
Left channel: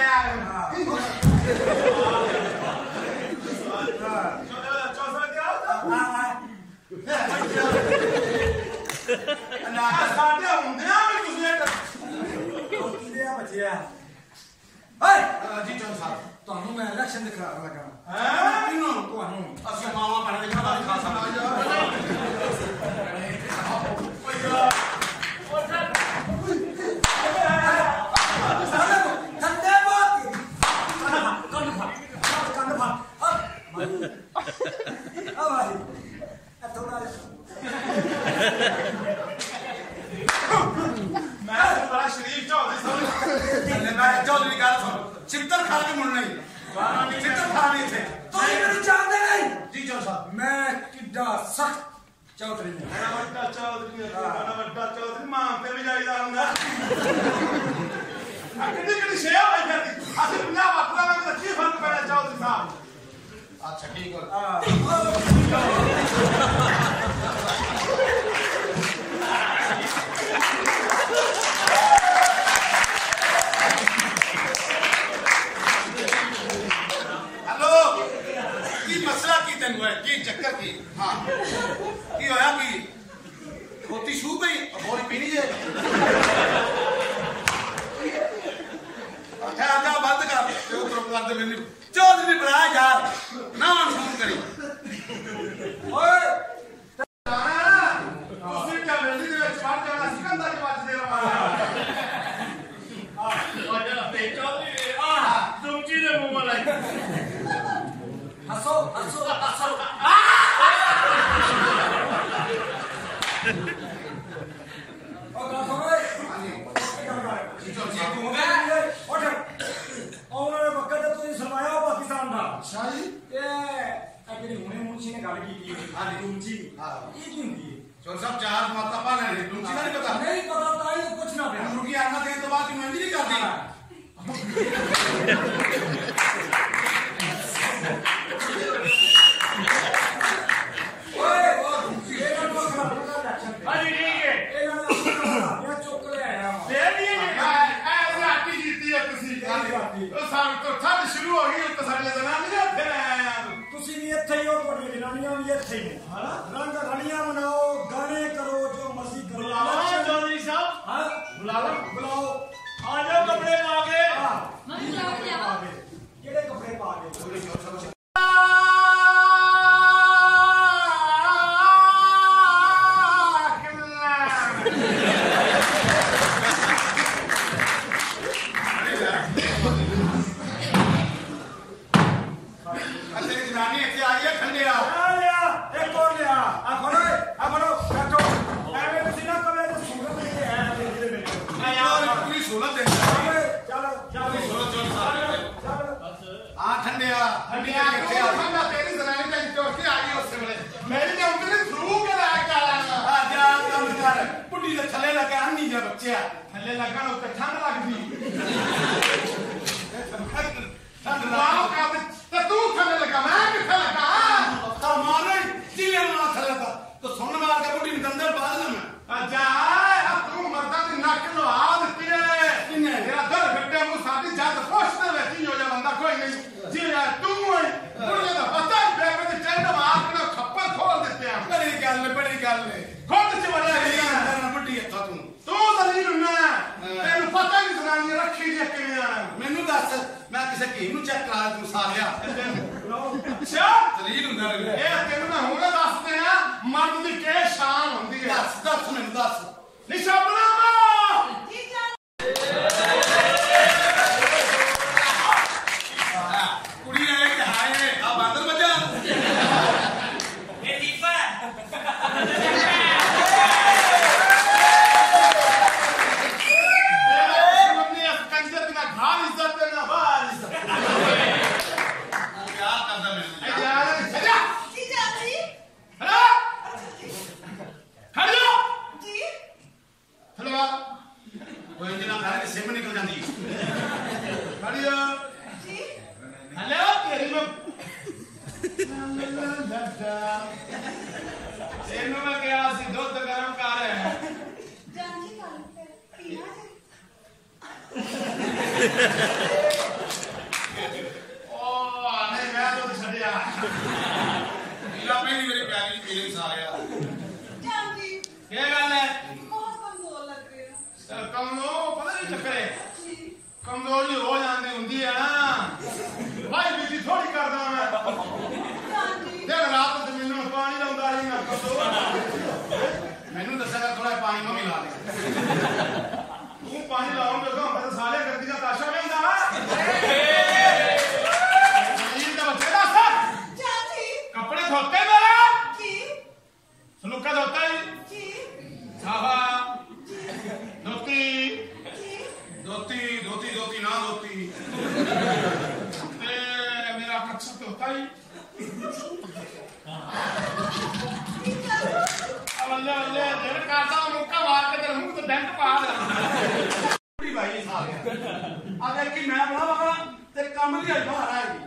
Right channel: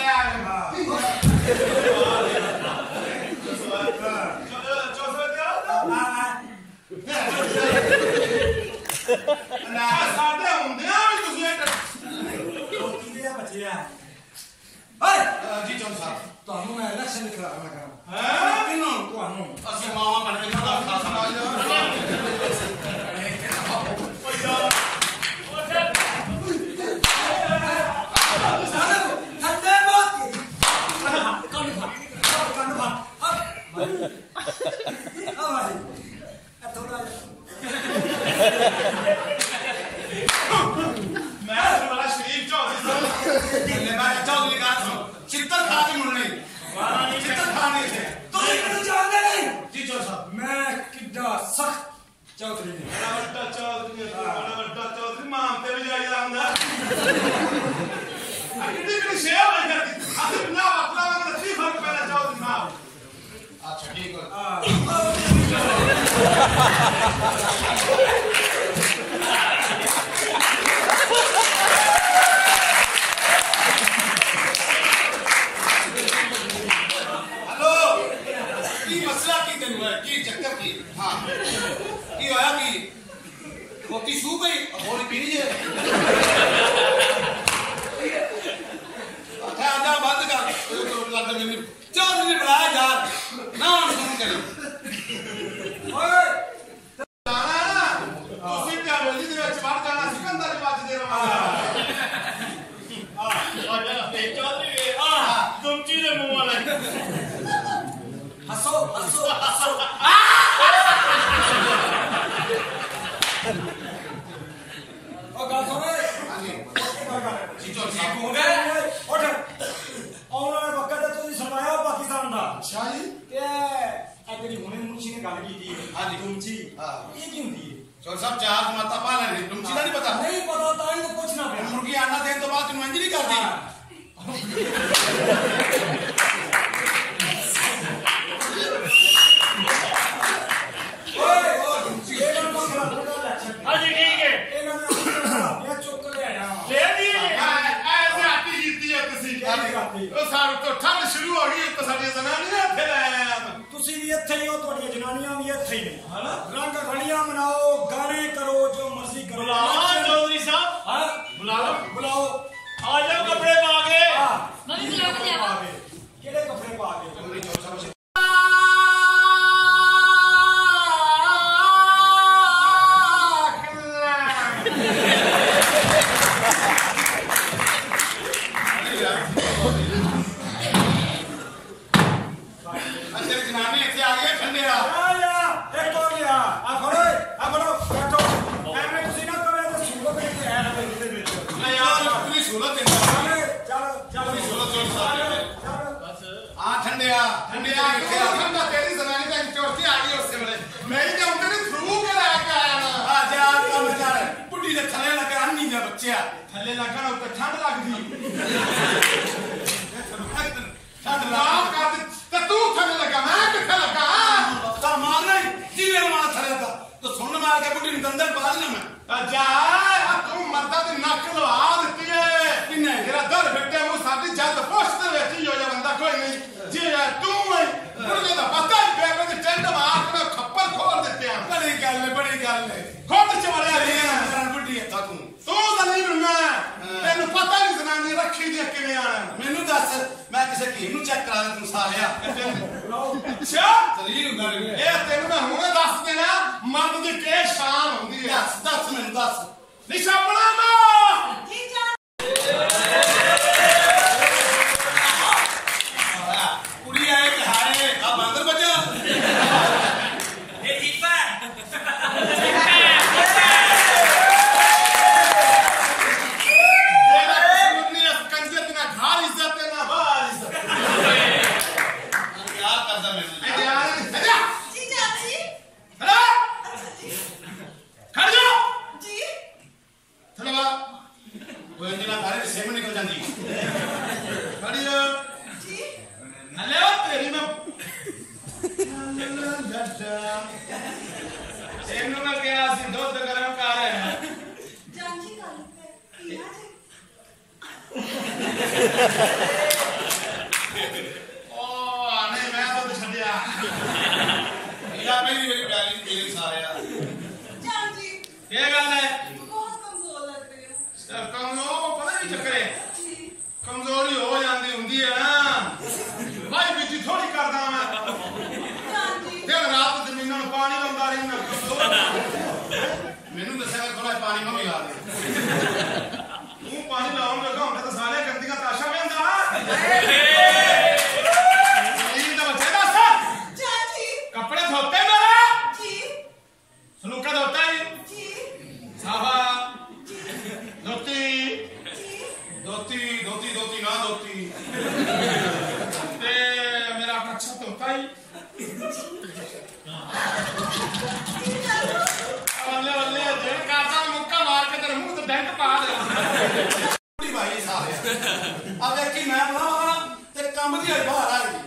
ਸਾਡੇ ਹੁੰਦਿਆਂ ਵੀ ਤੁਸੀਂ ਰੋਟੀ ਦੇ ਆ ਬੱਚਿਆ ਓਏ ਜੀ ਚੌਂ ਸਾਹਿਬ ਤੁਹਾਨੂੰ ਮੈਂ ਇਲੈਕਸ਼ਨ ਦੇ ਖਿਲਾਫ ਲੱਗਾ ਹੈ ਕਿਨੂੰ ਤੁਹਾਨੂੰ ਅਸੀਂ ਮਾਵਾ ਬਣ ਕੇ ਉਹਦਾ ਖਾਸਾ ਠੰਡੇ ਬਾਤ ਕੰਨ ਫਾ ਆ ਭਾਈ ਆ ਥੋੜਾ ਮੈਂ ਬੜਾ ਸ਼ਰੀਫ ਚੌਧਰੀ ਸਾਹਿਬ ਮੈਂ ਚੌਧਰੀ ਗੱਲ ਸੁਣ ਚਿੱਤਰ ਖਾ ਕੇ ਮੁੜਨੇ ਚਿੱਤਰ ਖਾਣੇ ਥੇ ਤੁਸੀਂ ਮੈਨੂੰ ਜਾਣਦੇ ਨਹੀਂ ਜੀ ਚੌਂ ਸਾਹਿਬ ਮੈਂ ਕਿੱਡਾ ਸਖਤ ਚੌਧਰੀ ਨੇ ਬੜਾ ਵੱਡਾ ਚੌਧਰੀ ਹੈ ਬੜਾ ਵੱਡਾ ਚੌਧਰੀ ਮਾਂ ਤੇ ਵੀ ਜਾਈਦਾ ਹੁੰਦਾ ਆ ਕਿੱਡੀ ਸ਼ੇਆ ਹੋਈ ਕਰਦੀ ਅਸੀਂ 50 ਵਕਲਾ ਵਿੱਚ ਕੀ ਫਰਕ ਪੈਣਾ ਚੌਧਰੀ ਸਾਹਿਬ ਅੱਛਾ ਠੀਕ ਹੋ हेलो की मसला की तेन है की चक्कर की हाँ की होया की खोती सू गई और पीनी जे अच्छा आजा बंद कर तो कर दे मेरी चौधरी ने बुलाया यार ना फोन करी ਓਏ ਤੁਸੀਂ ਤੇ ਹਵੇਲੀ ਦੇ ਵਿੱਚ ਵੜ ਜਾਣਾ ਸੀ ਕੰਧਾਂ 'ਚ ਵੱਜਦੇ ਰਵਾਂਗੇ ਚੌਧਰੀ ਤੁਮਚੀ ਦੇ ਮੂੰਹ ਵਾਲਾ ਹੱਸੋ ਹੱਸੋ ਹੱਸੋ ਉਹ ਗੱਲ ਸੁਣ ਓਏ जी चौधरी ਜੀ ਕੌਣ ਹੈ ਉੱਠ ਆਉਣ ਵਾਲੇ ਵਕਤ ਤੇ ਤੁਸੀਂ ਸਰਵਾਇਆ ਪਾਕਿਸਤਾਨ ਦਾ अच्छा जी ਤੇ ਇਹ ਜਿਹੜੀ ਹੁਣੇ ਮੁਨਸ਼ੀ ਨੇ ਗੱਲ ਕੀਤੀ ਹਾਂਜੀ। ਤੁਮਚੀ ਹਾਂ। ਇਹ ਕੀ ਹੁੰਦੀ ਹੈ चौधरी साहब चार माता पा लेने तुम सीधा नहीं पता ਨਹੀਂ ਪਤਾ ਤਾਂ ਹੀ ਤਾਂ ਪੁੱਛਣਾ ਪਿਆ मुर्गी आना देने तो बाद तुम अंजलि कर दी ਓਏ ਇਹ ਗੱਲ ਨੂੰ ਖਰਾਬ ਕਰ ਲੈ ਛੱਡ ਹਾਂਜੀ ਠੀਕ ਹੈ ਇਹ ਗੱਲ ਇਹ ਚੁੱਕ ਲੈ ਆਇਆ ਵਾਂ। ਦੇ ਦੀਏ ਐਸੇ ਆਤੀ ਜੀਤੀ ਹੈ ਤੁਸੀਂ ਕਿਹੜੀ ਕਰਤੀ? ਉਹ ਸਾਡੇ ਤੋਂ ਠੰਡ ਸ਼ੁਰੂ ਹੋ ਗਈ ਤਾਂ ਸਾਡੀਆਂ ਜ਼ਨਾਨੀਆਂ ਇੱਥੇ ਲੈ ਆਇਆ ਤੁਸੀਂ ਵੀ ਇੱਥੇ ਹੀ ਹੋ ਤੁਹਾਡੀਆਂ ਜਨਾਨੀਆਂ ਵੀ ਇੱਥੇ ਹੀ ਨੇ ਰੰਗ ਰਲੀਆਂ ਮਨਾਓ ਗਾਣੇ ਕਰੋ ਜੋ ਮਰਜ਼ੀ ਕਰੋ ਚੌਧਰੀ ਸਾਹਿਬ ਹਾਂ ਬੁਲਾ ਲਓ ਬੁਲਾਓ ਆ ਜਾਓ ਕੱਪੜੇ ਪਾ ਕੇ ਹਾਂ ਮੰਮੀ ਬੁਲਾ ਕੇ ਲਿਆਵਾ। ਕਿਹੜੇ ਕੱਪੜੇ ਪਾ ਕੇ तेरी जनानी इतने आ गई है ठंडे आ ਆ ਲਿਆ ਇੱਕ ਹੋਰ ਲਿਆ ਆ ਫੜੋ ਬੈਠੋ ਐਵੇਂ ਤੁਸੀਂ ਨਾ ਕਵੇ ਤੇ ਸੂਰਤ ਨਹੀਂ ਹੈ ਇਹਦੇ ਵਿੱਚ यार पूरी सोलह दिन ਚੱਲ ਚੱਲ सोलह चौथ साल ਚੱਲ हाँ ठंडे आ इतने आ ਠੰਡਾ ਤੇਰੀ ਜ਼ਨਾਨੀ ਤਾਂ ਚੌਥੀ ਆ ਗਈ ਉਸੇ ਵੇਲੇ ਮੈਂ ਹੀ ਆਉਂਦੇ ਨੇ ਥਰੂ ਕੇ ਲੈ ਕੇ ਆਇਆ आ जा काम कर बुढ़ी दे थल्ले लगा अन्नी दे बच्चे ਥੱਲੇ ਲੱਗਣ ਉੱਤੇ ਠੰਡ ਲੱਗਦੀ ठंड ਰਾਮ ਕਰ ਦੇ ਤੇ ਤੂੰ ਥੱਲੇ ਲੱਗਾ ਮੈਂ ਕਿੱਥੇ ਲੱਗਾ तो मार नहीं जीवे मार थल्ले था तो सुन मार के बुढ़ी ने अंदर पा देना मैं ਆ ਜਾ ਆ ਤੂੰ ਮਰਦਾਂ ਦੀ ਨੱਕ ਲਵਾ ਦਿੱਤੀ ਏ ਕਿੰਨੇ? ਤੇਰਾ ਦਰ ਫਿੱਟੇ ਮੂੰਹ ਸਾਡੀ ਜਦ ਪੁੱਛ ਦੇ ਵਿੱਚ ਹੀ ਹੋ ਜਾ ਬੰਦਾ ਕੋਈ ਨਹੀਂ ਜੀ ਤੂੰ ਏ ਬੁੜੀਆਂ ਦਾ ਪਤਾ ਮੈਨੂੰ ਦੱਸ ਮੈਂ ਕਿਸੇ ਹਕੀਮ ਨੂੰ ਚੈੱਕ ਕਰਾ ਦੇ ਤੂੰ ਸਾਰਿਆ ਅੱਛਾ ਦਲੀਲ ਹੁੰਦਾ ਰਹੇ ਇਹ ਤੈਨੂੰ ਮੈਂ ਹੁਣੇ ਦੱਸ ਦੇਣਾ ਮਰਦ ਦੀ ਕੀ ਸ਼ਾਨ ਹੁੰਦੀ ਹੈ ਦੱਸ ਮੈਨੂੰ ਦੱਸ ਨਿਸ਼ਾਨਾ ਮਾ ਕੁੜੀ ਆਏ ਕਿ ਹਾਏ ਆ ਬਾਂਦਰ ਬੱਜਾ ਇਹ ਜੀਪਾ ਕੰਜਰ ਬਿਨਾ ਘਰ ਇੱਜ਼ਤ ਤੇ ਨਾ ਬਾਹਰ ਇੱਜ਼ਤ ਯਾਦ ਕਰਦਾ ਮੈਨੂੰ ਖੜ ਜਾ ਜੀ ਥਲਵਾ ਉਹ ਇੰਜਣਾ ਘਰ ਸਿਮ ਨਿਕਲ ਜਾਂਦੀ ਖੜ ਜਾ ਜੀ ਹਲੇ ਉਹ ਤੇਰੀ ਮੈਂ ਇਹਨੂੰ ਮੈਂ ਕਿਹਾ ਸੀ ਦੁੱਧ ਗਰਮ ਕਰ ਜਾਂਜੀ ਗੱਲ ਤੇ ਪੀਣਾ ਜੀ ਉਹ ਨਹੀਂ ਮੈਂ ਦੁੱਧ ਛੱਡਿਆ ਲਾ ਪਹਿਲੀ ਵਾਰੀ ਪਿਆਰੀ ਪੀਣੇ ਸਾਰਿਆ ਜਾਂਜੀ ਕੀ ਗੱਲ ਹੈ ਬਹੁਤ ਕਮਜ਼ੋਰ ਲੱਗ ਰਹੇ ਹੋ ਕਮਜ਼ੋਰ ਪਤਾ ਨਹੀਂ ਚੱਕਰੇ ਜੀ ਕਮਜ਼ੋਰੀ ਹੋ ਜਾਂਦੀ ਹੁੰਦੀ ਹੈ ਨਾ ਭਾਈ ਬੀਜੀ ਥੋੜੀ ਕਰਦਾ ਮੈਂ ਜਾਂਜੀ ਦਿਨ ਰਾਤ ਜ਼ਮੀਨਾਂ ਨੂੰ ਪਾਣੀ ਲਾਉਂਦਾ ਰਹਿਣਾ ਕਮਜ਼ੋਰ ਮੈਨੂੰ ਦੱਸਿਆ ਥੋੜਾ ਪਾਣੀ ਮੈਂ ਮਿਲਾ ਦੇ ਤੂੰ ਪਾਣੀ ਲਾਉਣ ਲੱਗਾ ਹੁੰਦਾ ਤਾਂ ਸਾਰੇ ਗੰਦੀਆਂ ਤਾਸ਼ਾ ਵੇਂਦਾ ਜ਼ਮੀਨ ਦਾ ਬੱਚੇ ਦੱਸ ਜਾਂਜੀ ਕੱਪੜੇ ਧੋਤੇ ਮੇਰੇ ਜੀ ਸਲੂਕਾ ਧੋਤਾ ਹੀ ਜੀ ਸਾਫਾ ਧੋਤੀ ਜੀ ਦੋਤੀ ਨਾ ਦੋਤੀ ਤੇ ਮੇਰਾ ਕੱਛਾ ਧੋਤਾ ਹੀ ਵੱਲੇ ਵੱਲੇ ਜਿਹੜਾ ਕਾਟਾ ਮੁੱਕਾ ਮਾਰ ਕੇ ਤੇਰੇ ਮੂੰਹ ਤੇ ਡੈਂਟ ਪਾ ਦੇ ਕੁੜੀ ਭਾਈ ਸਾਰਿਆ ਆ ਦੇਖੀ ਮੈਂ ਬੁਲਾਵਾ ਤੇ ਕੰਮ ਦੀ ਬਾਹਰ ਆ ਗਈ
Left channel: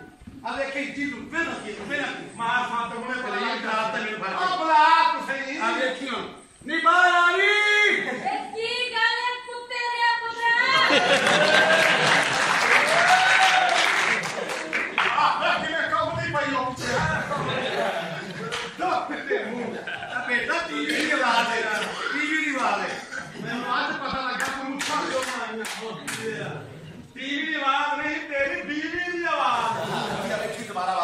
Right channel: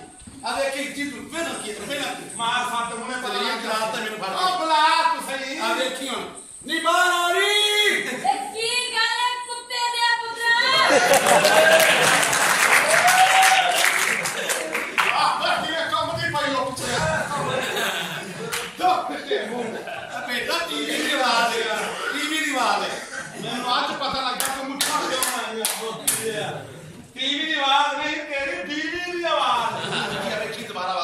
ਆ ਦੇਖੀ ਜੀ ਰੁਪਏ ਨਾ ਕੀ ਮਾਰ ਫੱਟ ਹੁਣੇ ਤੇ ਇਹ ਕਰਾਰ ਤੇ ਮੈਨੂੰ ਫੜ ਉਹ ਬੁਲਾ ਤੂੰ ਸਹੀ ਆ ਦੇਖੀ ਹੁਣ ਨਹੀਂ ਬਾਹਰ ਆ ਰਹੀ ਇਹ ਕੀ ਗੱਲ ਹੈ ਕੁੱਤੇ ਦੇ ਪੁੱਤਰਾ ਕਿਵੇਂ ਕੰਮ ਦੀ ਪਈ ਹੋ ਪਿੱਛੇ ਦੋ ਫਿੱਟੇ ਮੂੰਹ ਬੇਟਾ ਟੀਵੀ ਦੀ ਆਵਾਜ਼ ਹੈ ਟੀਵੀ ਦੀ ਆਵਾਜ਼ ਹੈ ਮੈਨੂੰ ਅੱਜ ਪਤਾ ਲੱਗਾ ਤੂੰ ਮੁੱਠਾ ਕਿਉਂ ਆਇਆ ਟੀਵੀ ਦੀ ਆਵਾਜ਼ ਨਹੀਂ ਤੇਰੀ ਟੀਵੀ ਦੀ ਆਵਾਜ਼ ਆ ਵੇਖੀ ਦੁਬਾਰਾ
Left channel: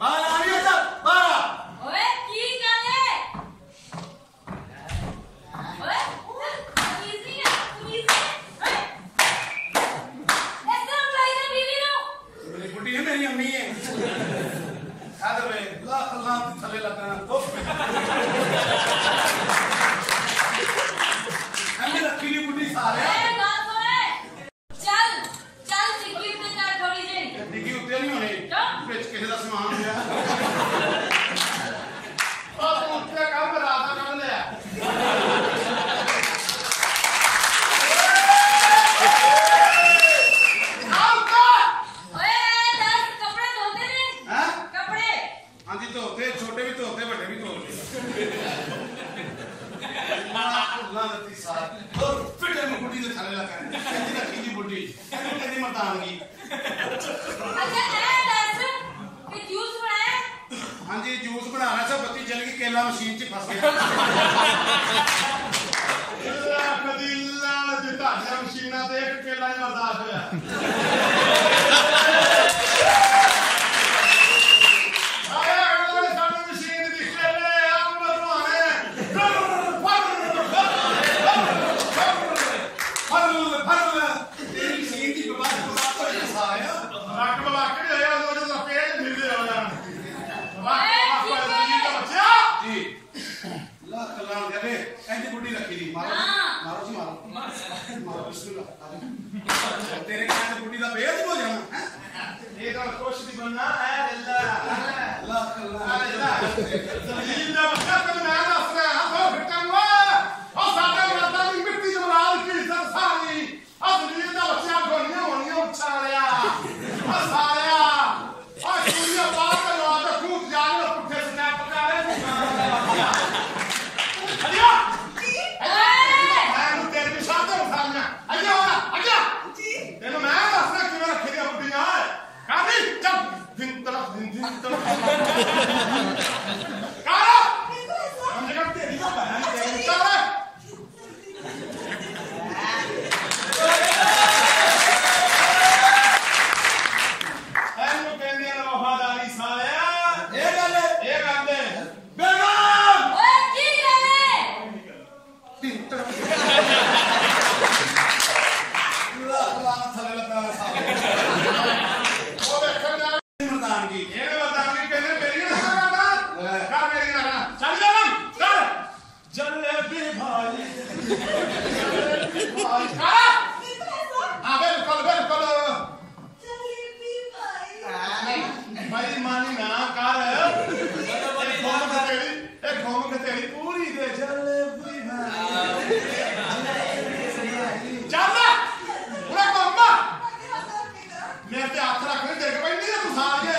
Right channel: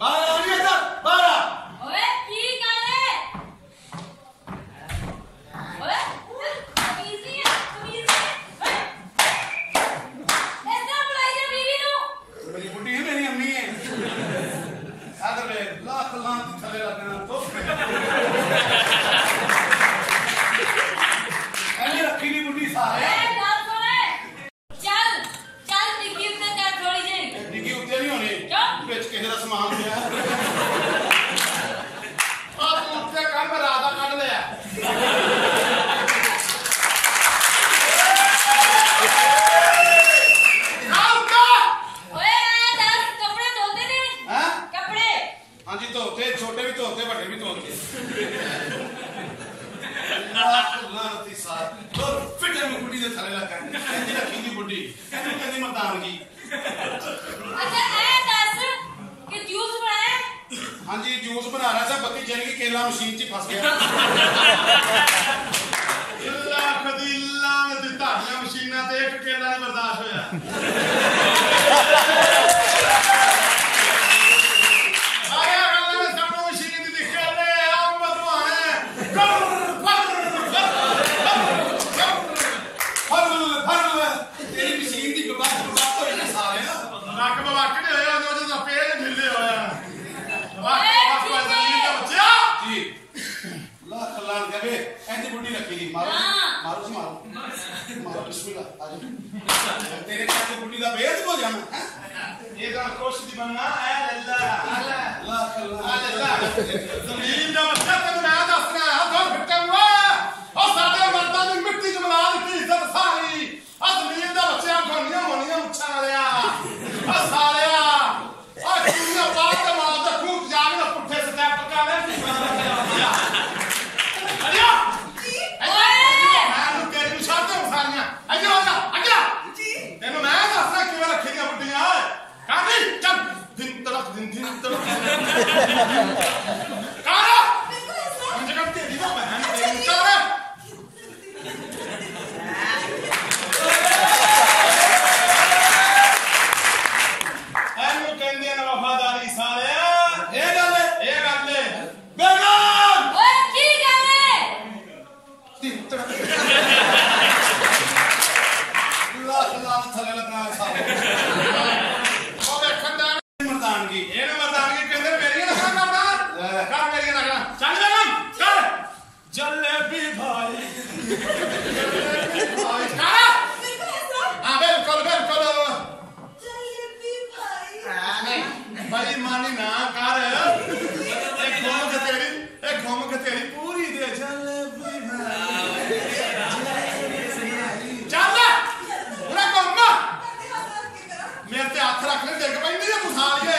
ਬਾਹਰ ਆ ਰਹੀ ਹੈ ਤਾਂ ਬਾਹਰ ਆ ਓਏ ਕੀ ਗੱਲ ਹੈ ਓਏ ਤਮੀਜ਼ ਨਹੀਂ ਹੈ ਓਏ ਐਸਾ ਬੁਲਾਈ ਜਾ ਬੀਵੀ ਨੂੰ ਮੇਰੀ ਬੁੱਢੀ ਹੈ ਮੇਰੀ ਅੰਮੀ ਹੈ ਆਦਰ ਵੇ ਲੱਖ ਲਾਂ ਥੱਲੇ ਲੱਗਣਾ ਤੋਪ ਐਨੀ ਰੱਖੀ ਦੀ ਬੁੱਢੀ ਸਾਰੇ ਏ ਗੱਲ ਸੁਣੇ ਚੱਲ ਚੱਲ ਟਿੱਕੀ ਤੇ ਚੱਲ ਥੋੜੀ ਜਿਹੀ ਡਿੱਗੀ ਉੱਤੇ ਨਹੀਂ ਹੋਣੀ ਕਿਉਂ? ਵਿੱਚ ਕਿਸੇ ਦਾ ਸਮਾਨ ਹੋਇਆ ਉਹ ਤੂੰ ਉੱਤੇ ਕੰਮ ਰਾਤ ਦਾ ਕੱਢ ਲਿਆ ਓਏ ਦੱਸ ਕੱਪੜੇ ਧੋਤੇ ਨੇ ਹੈ ਕੱਪੜੇ ਹਾਂਜੀ ਧੋਤੇ ਛੋਟੇ ਵੀ ਧੋਤੇ ਵੱਡੇ ਵੀ ਧੋਤੇ ਲੱਖ ਲਾਂਤੀ ਸਾਰ ਉਹ ਫਿੱਟੇ ਨੂੰ ਬੁੱਢੀ ਦੇ ਥੱਲੇ ਲੱਗਾ ਐਨੀ ਰੱਖੀ ਦੀ ਬੁੱਢੀ ਇਹਨੂੰ ਕਹਿੰਦੀ ਮਰਦਾਨਗੀ ਅੱਛਾ ਐ ਦੱਸ ਕਿ ਜੂਸ ਬਣਾਇਆ ਹਾਂਜੀ ਜੂਸ ਬਣਾ ਰਿਹਾ ਸੀ ਬੱਤੀ ਚੱਲ ਗਈ ਕੇਲਾ ਮਸ਼ੀਨ 'ਚ ਫਸ ਗਿਆ ਕਦੀ ਲਾਣ ਦੀ ਤੁਹਾਡੀਆਂ ਮਸ਼ੀਨਾਂ ਤੇ ਇੱਕ ਕੇਲਾ ਨਹੀਂ ਬਰਦਾਸ਼ਤ ਹੋਇਆ ਸਾਰੇ ਗੱਲਾਂ ਨੇ ਸਾਨੂੰ ਮਸ਼ੀਨ ਦੀ ਕੇਲੇ ਆਮ ਬਦਵਾਣੇ ਫਰਲ ਤੇਰੀ ਮਸ਼ੀਨ ਦੀ ਬਰਬਾਦ ਹੋਈ ਨਾ ਸਾਰਿਆ ਨੱਕ ਬਵਾਕੜੇ ਹੋਇਆ ਉਹ ਜਦੋਂ ਪੇਜ ਮਿਲਦੇ ਹੋਇਆ ਵਾਹ ਓਏ, ਵਾਹ ਠੀਕ ਹੈ। ਜ਼ਮੀਨ ਦਾ ਬੱਚਾ ਜੀ ਲੱਖ ਲਾਣ ਕਹਵੇ ਐਂਦੀ ਬੁੱਢੀ ਰੱਖੀ ਦੀ ਮਾਰੋ ਹਾਂ। ਮਾਰੋ ਜੀ ਮਾਰੋ ਬਿਸਮਿਲ੍ਲਾ ਆ ਜਾ ਤੇਰੀ ਮਾਂ ਬੁੱਢੀ ਦਾ ਬੇਅਦ ਹੋ ਜਾਣਾ ਇਹ ਤਾਂ ਕੁਛ ਦੀ ਬੰਨਾ ਐ ਲੱਲਾ ਲੱਖ ਆ ਲਾਣ ਲੱਲਾ ਜ਼ਮੀਨ ਦਾ ਬੱਚਾ ਤੈਨੂੰ ਮੈਂ ਦੱਸ ਰਿਹਾ ਹਾਂ ਦੋ ਫਿੱਟੇ ਮੂਆ ਉਹ ਸਾਡੇ ਮਰਦਾਂ ਦੀ ਮਿੱਟੀ ਚ ਮਿਲਾ ਦਿੱਤੀ ਇੱਜ਼ਤ ਸਾਰੀ ਆ ਜ਼ਮੀਨ ਦਾ ਬੱਚਾ ਘੋਣੀਆਂ ਹੋਣੀਆਂ ਉੱਛਾਂ ਲਿਆ ਆ ਸਾਲਿਆ ਆ ਕੁੜੀਆਂ ਬਾਹਰ ਤੇ ਮਾਰ ਦੇ ਖੂਬ ਜਾਗ ਦੇ ਪੁੱਠੇ ਸਟੈਪ ਕਰ ਰਿਹਾ ਤੂੰ ਅੜਿਆ ਮੈਂ ਨੂੰ ਤੇਰੀ ਨਿਸ਼ਾਨ ਤੇ ਸਾਰੀਆਂ ਅੱਗੇ ਹੋ ਜਾ ਅੱਗੇ ਤੈਨੂੰ ਮੈਂ ਦੱਸਣਾ ਕਿਵੇਂ ਰੱਖੀ ਦੀਆਂ ਬੁੱਢੀਆਂ ਕਾਦੀ ਚੱਲ ਦਿਨ ਤਲਕ ਦਿਨ ਤਲਕ ਕਾਰਾ ਹੁਣ ਜਗ੍ਹਾ ਤੇਰੀ ਦਾ ਭੈਣ ਤੇਰੀ ਕਾਰਾ मर्दानगी ਇਹਨੂੰ ਮਰਦਾਨਗੀ ਕਹਿੰਦੇ ਮੇਰੀਆਂ ਨਖਰਾ ਕਰਦਾ ਕਰ ਮੇਰੀਆਂ ਨਖਰਾ ਚੱਲ ਜਨਮ ਕਰ जलेबी भाई ਭਾਈ ਕਰ ਹਾਂ ਬਿਲਕੁਲ ਬਿਲਕੁਲ ਭਾਈ ਮਾਨੀ ਨਾ ਕਰ ਇਹ ਘੁੰਮ ਕੇ ਤੇਰੀ ਪੂਰੀ ਦੇ ਜਲੇਬੀ ਭਾਈ ਚੱਲ ਉਹਨੇ ਘੁੰਮ ਮੇਰੇ ਤੇ ਹੱਥ ਰੱਖ ਲੈ ਦੇਖ ਪੈਂਦੀ ਆ ਤੂੰ ਸਾਰੀਏ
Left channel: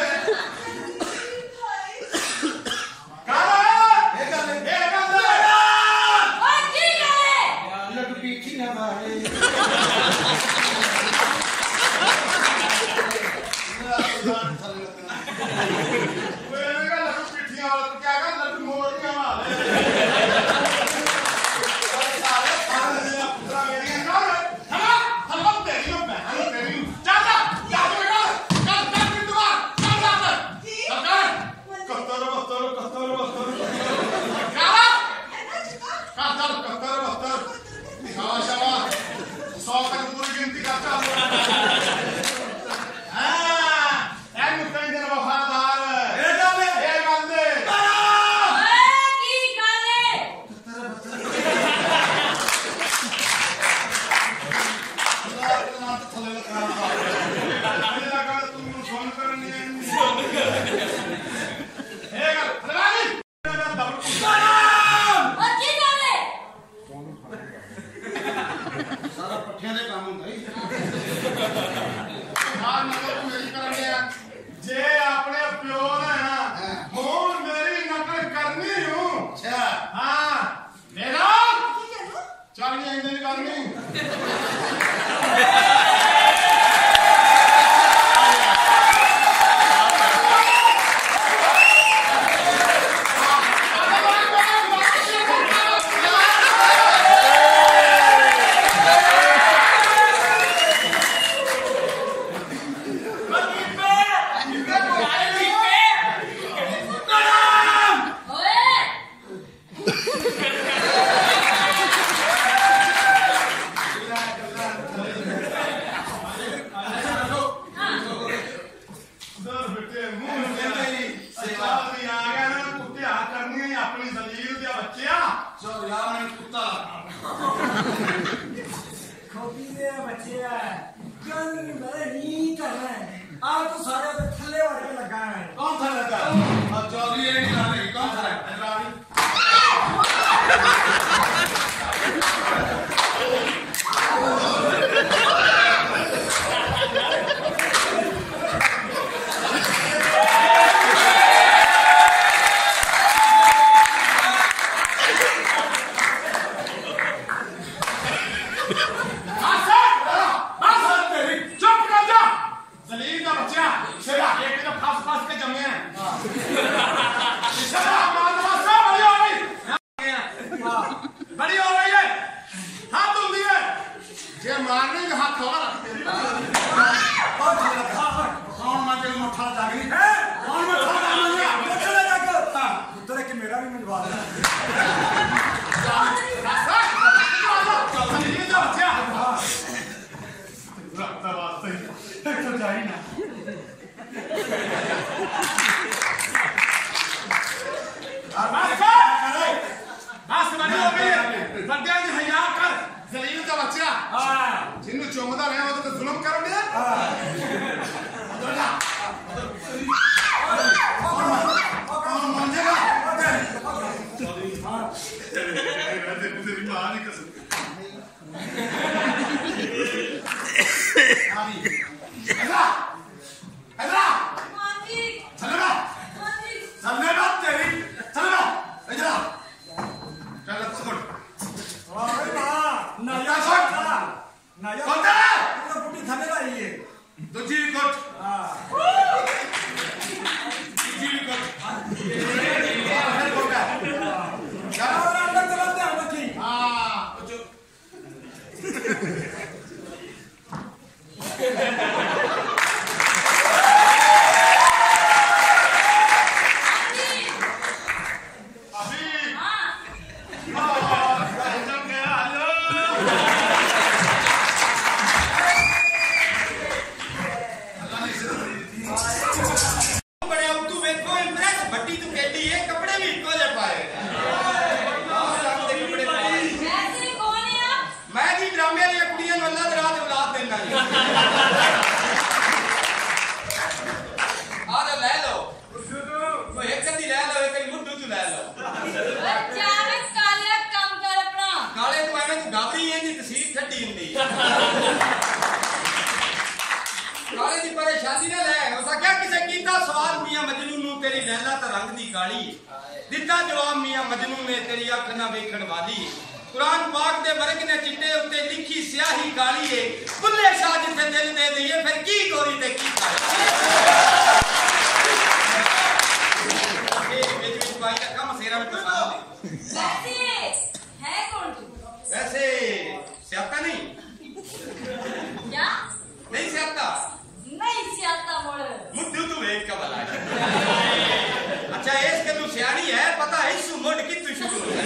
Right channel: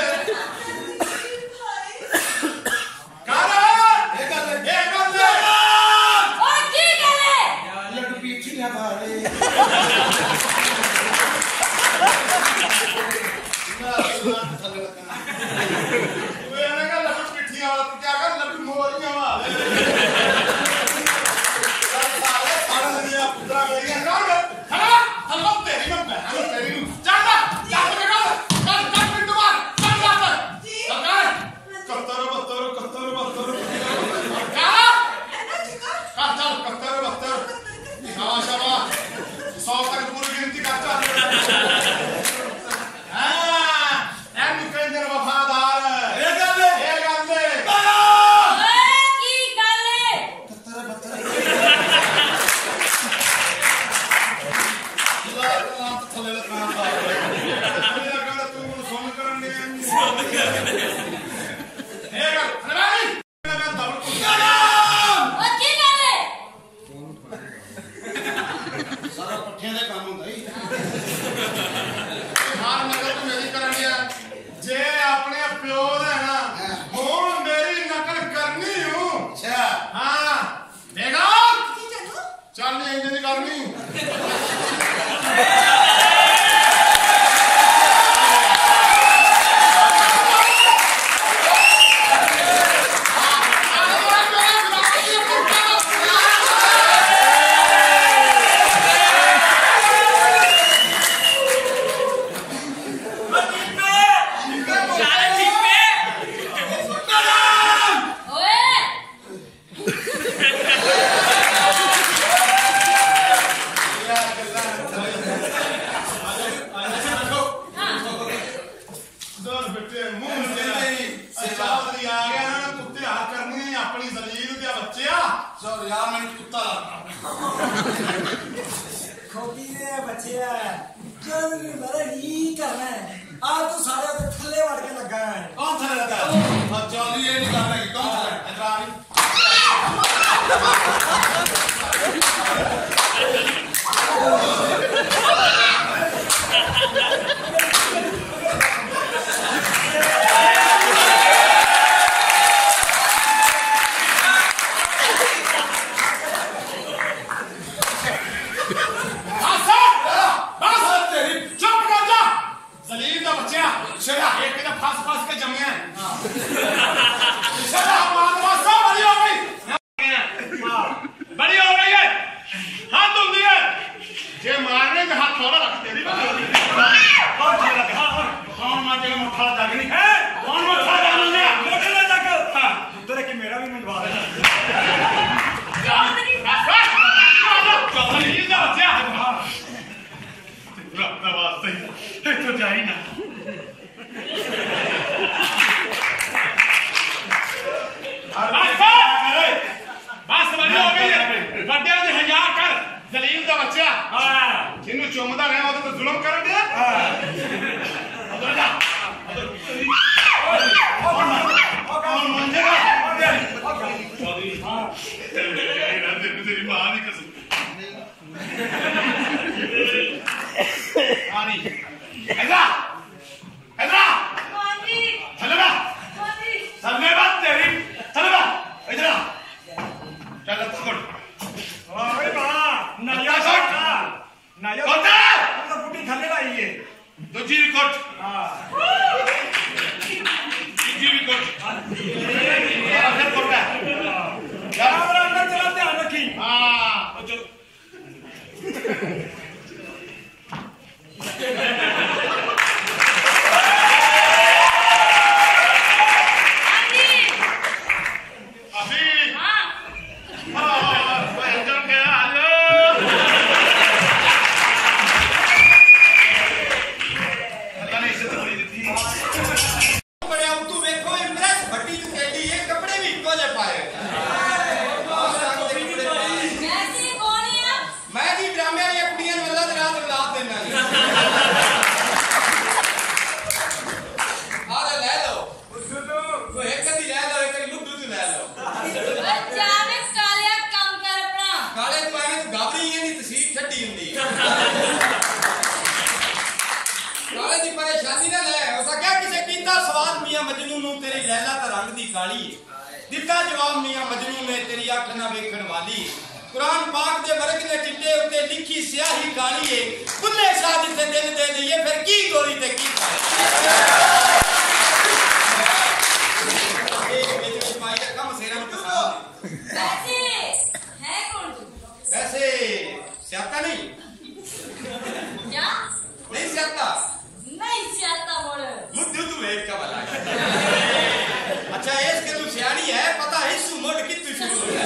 ਕਰ ਇਹ ਗੱਲ और की करे लड्डू पीछी ना भाई ਓਏ ਇਹਨਾਂ ਦਾ ਲੱਡੂ ਪਿੱਠੀਆਂ ਵਾਲਾ ਤੂੰ ਕਿਆ ਕਰ ਲੱਡੂ ਮੋਰੀਆਂ ਵਾਲੇ ਸਾਰੇ ਦੇ ਪੁੱਤਰਾ ਮੇਰੀਆਂ ਕਰ ਹਲਵਾ ਤੇਰੀ ਮੈਂ ਬਹਿਣ ਤੇਰੀ ਨੂੰ ਚੱਲ ਚੱਲ ਪਿੰਡ ਮਾਰ ਚੱਲ ਕੱਤਰ ਬੱਤਰ ਸ਼ਾਬਾਸ਼ 100 ਤੱਕ ਪੂਰੀ ਗਿਣਤੀ ਕਰ ਚੱਲ ਇਹਨੂੰ ਕਹਿੰਦੇ ਨੇ ਵਫਾਦਾਰ ਇਹ ਗੱਲ ओए की करे ਥੱਲੇ ਲਗਾਉਣਾ ਤੂੰ ਮੈਨੂੰ ਸੁਣ ਕਰਨ ਨੇ ਇਹ ਗੱਲ ਹਲਵਾਨੀ ਮੈਂ ਦਬਲ ਕੁੱਤਾ और की करे सारा पट्ठियां दे काम हुंदा ही ਹਾਰ ਨਕਲ ਤੂੰ ਮੇਰੀ ਕਰਨ ਡਿਆ ਜੇ ਆਪਣੇ ਪਿਓ ਦਾ ਹੈ ਨਾ ਹੁਣ ਮੇਰੀ ਨਕਲ ਕਰਨੀ ਹੂੰ अच्छा ਹਾਂ ਦੇਖੋ ਚੱਲ ਨਹੀਂ ਇੰਜ ਨਹੀਂ ਕਰਨੀ चल यार मैं कुत्ता खोटी दे बच्चे चल मेरा नहीं करना है आज तो सारे दे थल्ले वड़ के लगा है कौन था लगा और चल ये नहीं करना है कौन था इधर जिन्हों चुमदा रहा वो तो जुल्म कर दिया कौन मंजेगा तेरी मां की कसम आनी ऐसा ऐसा मामी चल बा मामी सबने बात तेरी चल बा इधर चल छोड़ अरे मां नया छोड़ नया कोटा पूरा पुटी थले लाई है दूसरी कोट हां तीसरी कोट फिर कोटा यार अंदर चला ध्यान रखी हां जो अभी हां जम के आ जाओ अल्लाह ने इज्जत बड़ी दी थी आवाज मियां मजनू नू तेरी लैला ता रंग दी काली है दिता जवाब मियां मजनू ने तेरी अख ना वेखण वाली है कुरान पाक दे वर्ग ने चिट्टे उत्ते लिखी स्याही काली है बुल्ले शाह जिसे दिल दे दईए फिर की गोरी ते की काली एक विच विच भाई दा कम सेरा में पसंद वैसे है कौन तू वैसे स्याता नहीं क्या नहीं स्याता नहीं सियाता मोड़ मुद्दू तू वेट का भला है अच्छा इसके तू सियानी है पता है इस मुड़ की तू शुरू है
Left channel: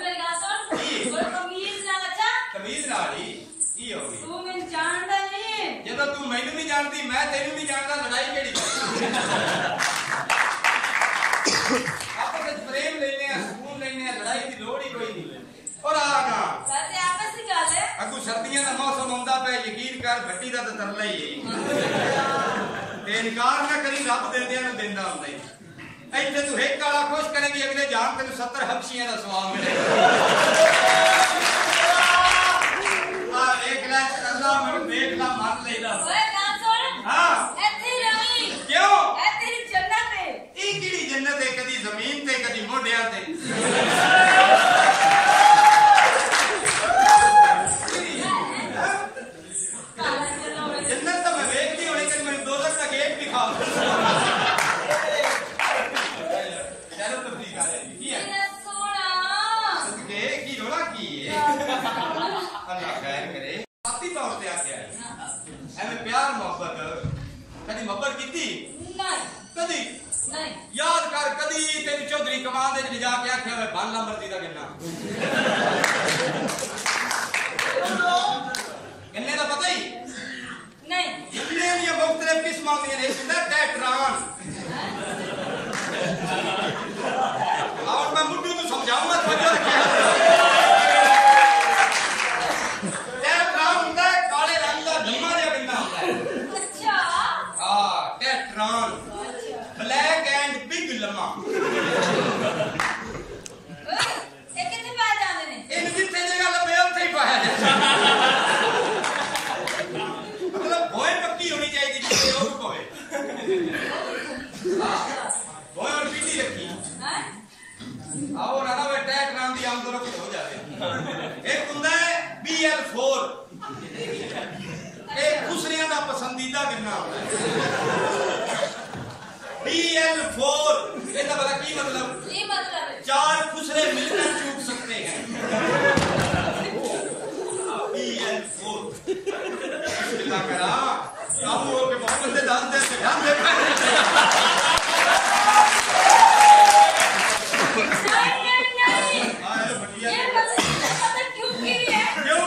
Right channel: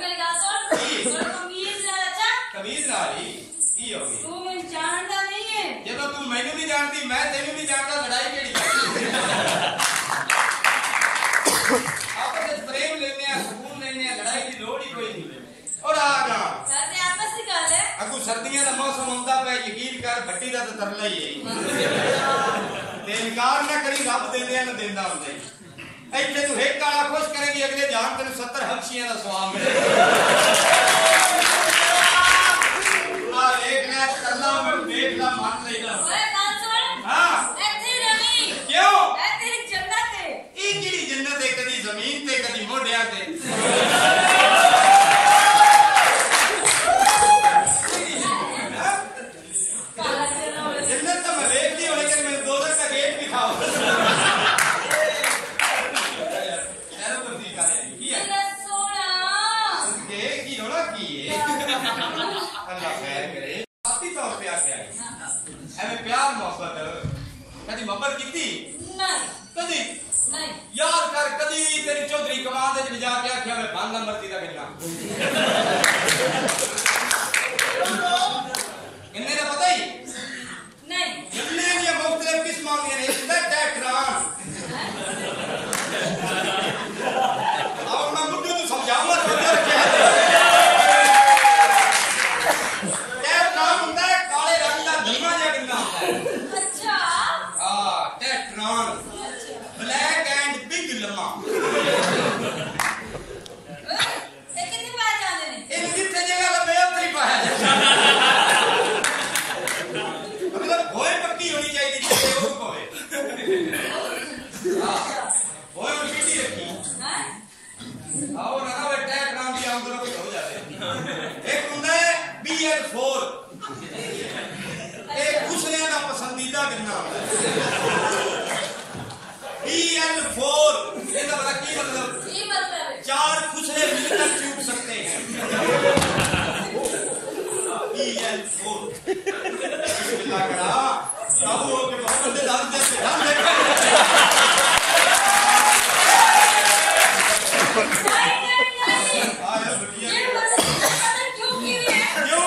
मेरी बात सुन कोई कमीज ना अच्छा कमीज नाली की होगी तू मैं जानता नहीं है जे तो तू मैनू नहीं जानती मैं तेनू नहीं जानता लड़ाई केड़ी करनी आपस में प्रेम लेने हैं सुकून लेने हैं लड़ाई की लोड़ ही कोई नहीं और आगा वैसे आपस की गल है अगू सर्दियों का मौसम होंदा पे यकीन कर भट्टी दा तो तरला ही है ते इनकार ना करी रब देंदे न देंदा हुंदा ही इत्थे तू एक काला खुश करेगी अगले जान तेन 70 हबशियां दा सवाब मिलेगा आ देख ले तरला मन देख ला मन लेना ओए कान सुन हां ऐथे रवी क्यों ऐ तेरी जन्नत है ई किड़ी जन्नत है कदी जमीन ते कदी मोढियां ते काला जना होवे जन्नत तो मैं देख ली होनी कि मैं दोजख का गेट भी खाऊं चलो तो ठीक आ रही की है मेरा सोना के की रोड़ा की है अल्लाह खैर करे साथी तौर पे आके आई एमे प्यार मोहब्बत कदी मोहब्बत कीती नहीं कदी नहीं याद कर कदी तेरी चौधरी कमाल दे च जाके आख्या मैं बांगा मर्जी दा गिनना किन्ने दा पता ही नहीं किन्ने दी मुख्तलिफ किस्मां दी ने इसदा टेट्रान और मैं मुद्दू तू समझाऊंगा तो रखिया टेट्रान हुंदा है काले रंग दा धम्मा जिहा गिन्ना हुंदा है अच्छा हां टेट्रान अच्छा ब्लैक एंड बिग लम्मा ये कितने पाए जाते ने इन जिथे जगह लबे उत्थे ही पाया जाता मतलब होए पक्की होनी चाहिए जिथे और पवे हां होए और पीटी रखी हैं और ना वे टैग नाम की आमदन को हो जाते एक हुंदा है BL4 एक खुसरियां का पसंदीदा गिनना होता है BL4 ਇਹਦਾ ਬੜਾ ਕੀ मतलब चार खुसरे मिलकर चूक सकते हैं BL4 बिस्मिल्लाह करा काबू हो के बहुत बंदे दाद दे से ध्यान देखा नहीं आए बढ़िया ये पता क्यों की है क्यों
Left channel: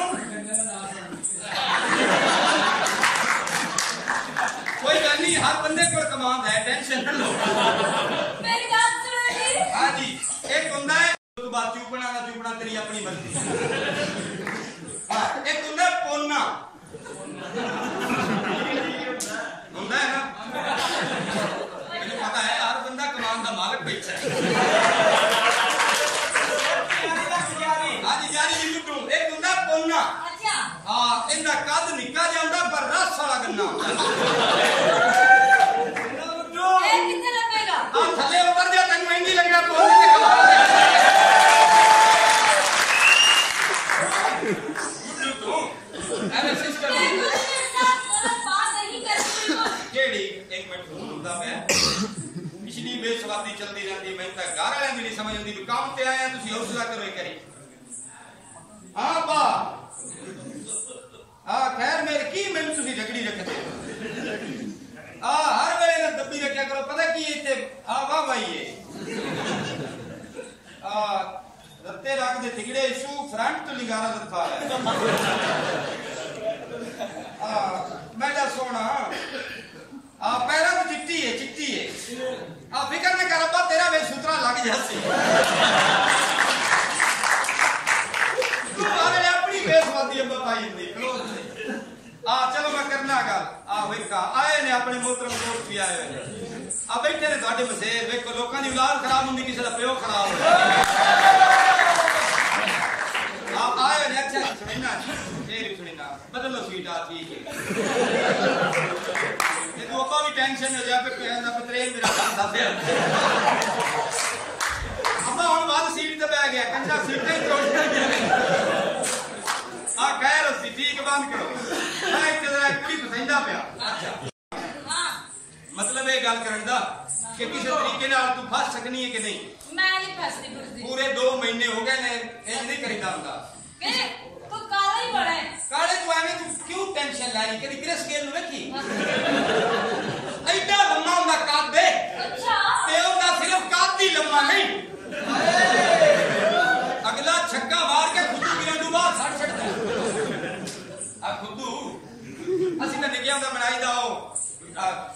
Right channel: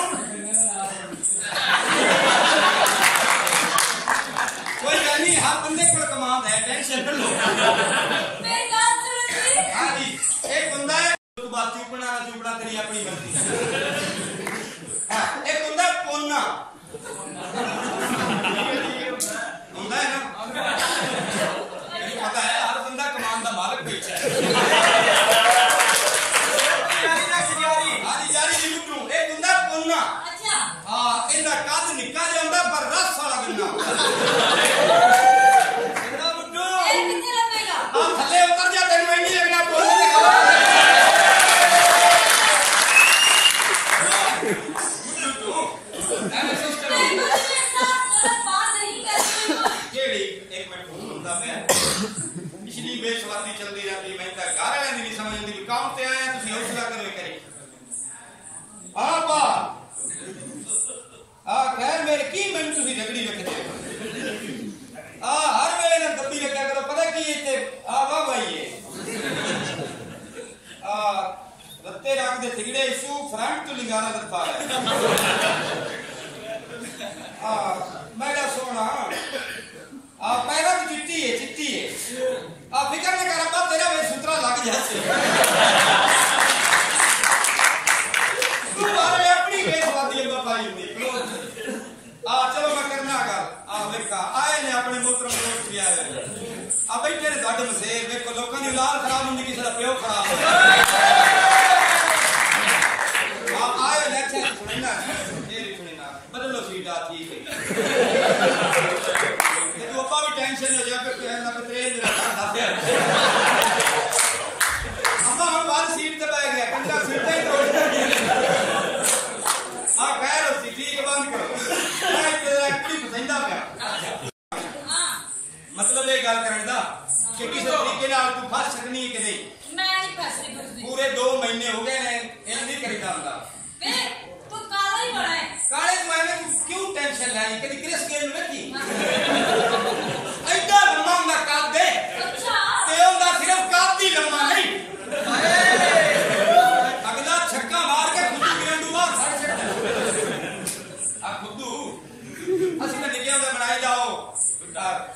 कोई गल नहीं हर बंदे को कमांड है टेंशन न लो मेरी बात सुनो जी हां जी एक बंदा है तो बात चुपना तेरी अपनी मर्जी हां एक बंदा पोना ਹੁੰਦਾ है ना मुझे पता है हर बंदा कमान का मालिक बैठा है हां जी जारी जी मुट्टू एक बंदा पोना अच्छा हां इनका कद निक्का जिहा हुंदा पर रस वाला गन्ना हुंदा गन्ना मुट्टू ये कितने लगेगा हां थल्ले उतर जा तेनू इंज लगना पोने ते खबर मुट्टू तू एवे सिस्टम मेरे साथ गलत बात नहीं करती बिल्कुल केड़ी एक मिनट फोन हुंदा पे पिछली बेसवादी चलदी रहंदी मैं तां घर वालियां दी नहीं समझ आंदी भी काम ते आया तुसी हौसला करो एक करी हां बा खैर मेरे की मैनू तुसी झगड़ी रखदे हर वेले ना दब्बी रखया करो पता की इत्थे वाह भाई है रत्ते रख दे थिगड़े इशू फ्रंट तो लिंगारा दत्ता है मेरा सोना पैरा भी चिट्टी है फिकर न कर अब्बा तेरा वे सुतरा लग जासी तू मारे अपनी बेसवादी अब्बा भाई हुई चलो मैं करना गल वेखा आए ने अपने मोहतरम दोस्त भी आए हुए बैठे ने साडे मसेर वेखो लोकां दी औलाद खराब हुंदी किसी दा प्यो खराब होया आए ने अच्छा सुनना बदलो सीटा ठीक है टेंशन हो जाए पे ना ट्रेन मेरा साथे अम्मा हम बाहर सीट पे बैठ गया कंधा सीट ही तोड़ दिया आ खैर सी ठीक बंद करो मैं तेरा कुड़ी पसंदा पे हां मतलब ये गल करन दा कि किस तरीके नाल तू फस सकनी है कि नहीं मैं नहीं फसती फुसदी पूरे 2 महीने हो गए ने ये नहीं करीदा हुंदा वे तू काला ही बड़ा है काले तू एवें तू क्यों टेंशन लाई कदी क्रिस गेल में देखी ऐडा लम्मा ना काट दे अच्छा ते ओंदा सिर्फ कादी लम्मा नहीं अगला छक्का मार के खुद गिरंडू बाहर छड़ छड़दा आ खुदू ਅਸੀਂ ਤਾਂ ਨਿੱਕਿਆਂ ਦਾ ਬਣਾਈ ਜਾਓ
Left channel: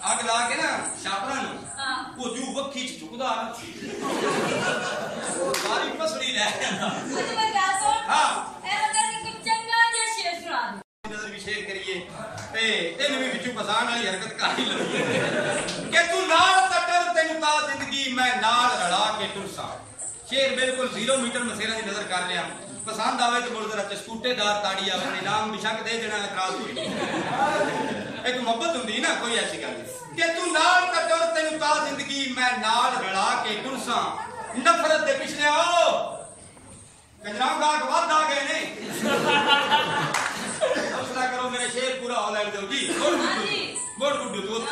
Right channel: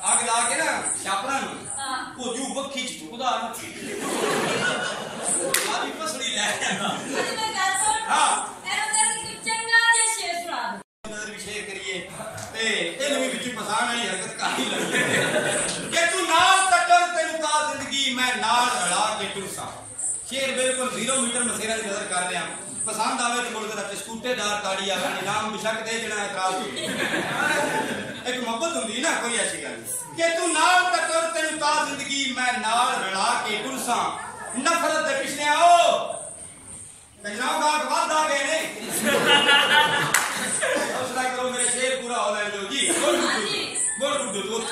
ਅੱਗ ਲਾ ਕੇ ਨਾ ਛਾਪਰਾਂ ਨੂੰ ਹਾਂ ਉਹ ਜੂ ਵੱਖੀ ਚ ਝੁਕਦਾ ਨਾ ਸਾਰੀ ਪਸੜੀ ਲੈ ਜਾਂਦਾ ਅੱਜ ਮੈਂ ਗੱਲ ਸੁਣ ਹਾਂ ਇਹਨੂੰ ਕਹਿੰਦੀ ਕਿ ਚੰਗਾ ਜਿਹਾ ਸ਼ੇਰ ਸੁਣਾ ਦੇ ਨਜ਼ਰ ਵੀ ਸ਼ੇਅਰ ਕਰੀਏ ਤੇ ਇਹਨੂੰ ਵੀ ਵਿੱਚੋਂ ਫਸਾਣ ਵਾਲੀ ਹਰਕਤ ਕਰ ਹੀ ਲਈਏ ਕਿ ਤੂੰ ਨਾਲ ਟੱਕਰ ਤੈਨੂੰ ਤਾਂ ਜ਼ਿੰਦਗੀ ਮੈਂ ਨਾਲ ਰਲਾ ਕੇ ਟੁਰਸਾਂ ਸ਼ੇਰ ਬਿਲਕੁਲ 0 ਮੀਟਰ ਮਸੇਰਾ ਦੀ ਨਜ਼ਰ ਕਰ ਰਿਹਾ पसंद आवे तो मुड़ जरा स्कूटेदार ताड़ी आवे इनाम बेशक दे देना एतराज कोई एक मोहब्बत हुंदी ना कोई ऐसी गल कि तू नाल टक्कर तेनू ता जिंदगी मैं नाल रला के टुरसां नफरत दे पिछले आओ गजरां गाग वध आ गए ने हौसला करो मेरे शेर पूरा हो लैण दो जी बोल गुड्डू तो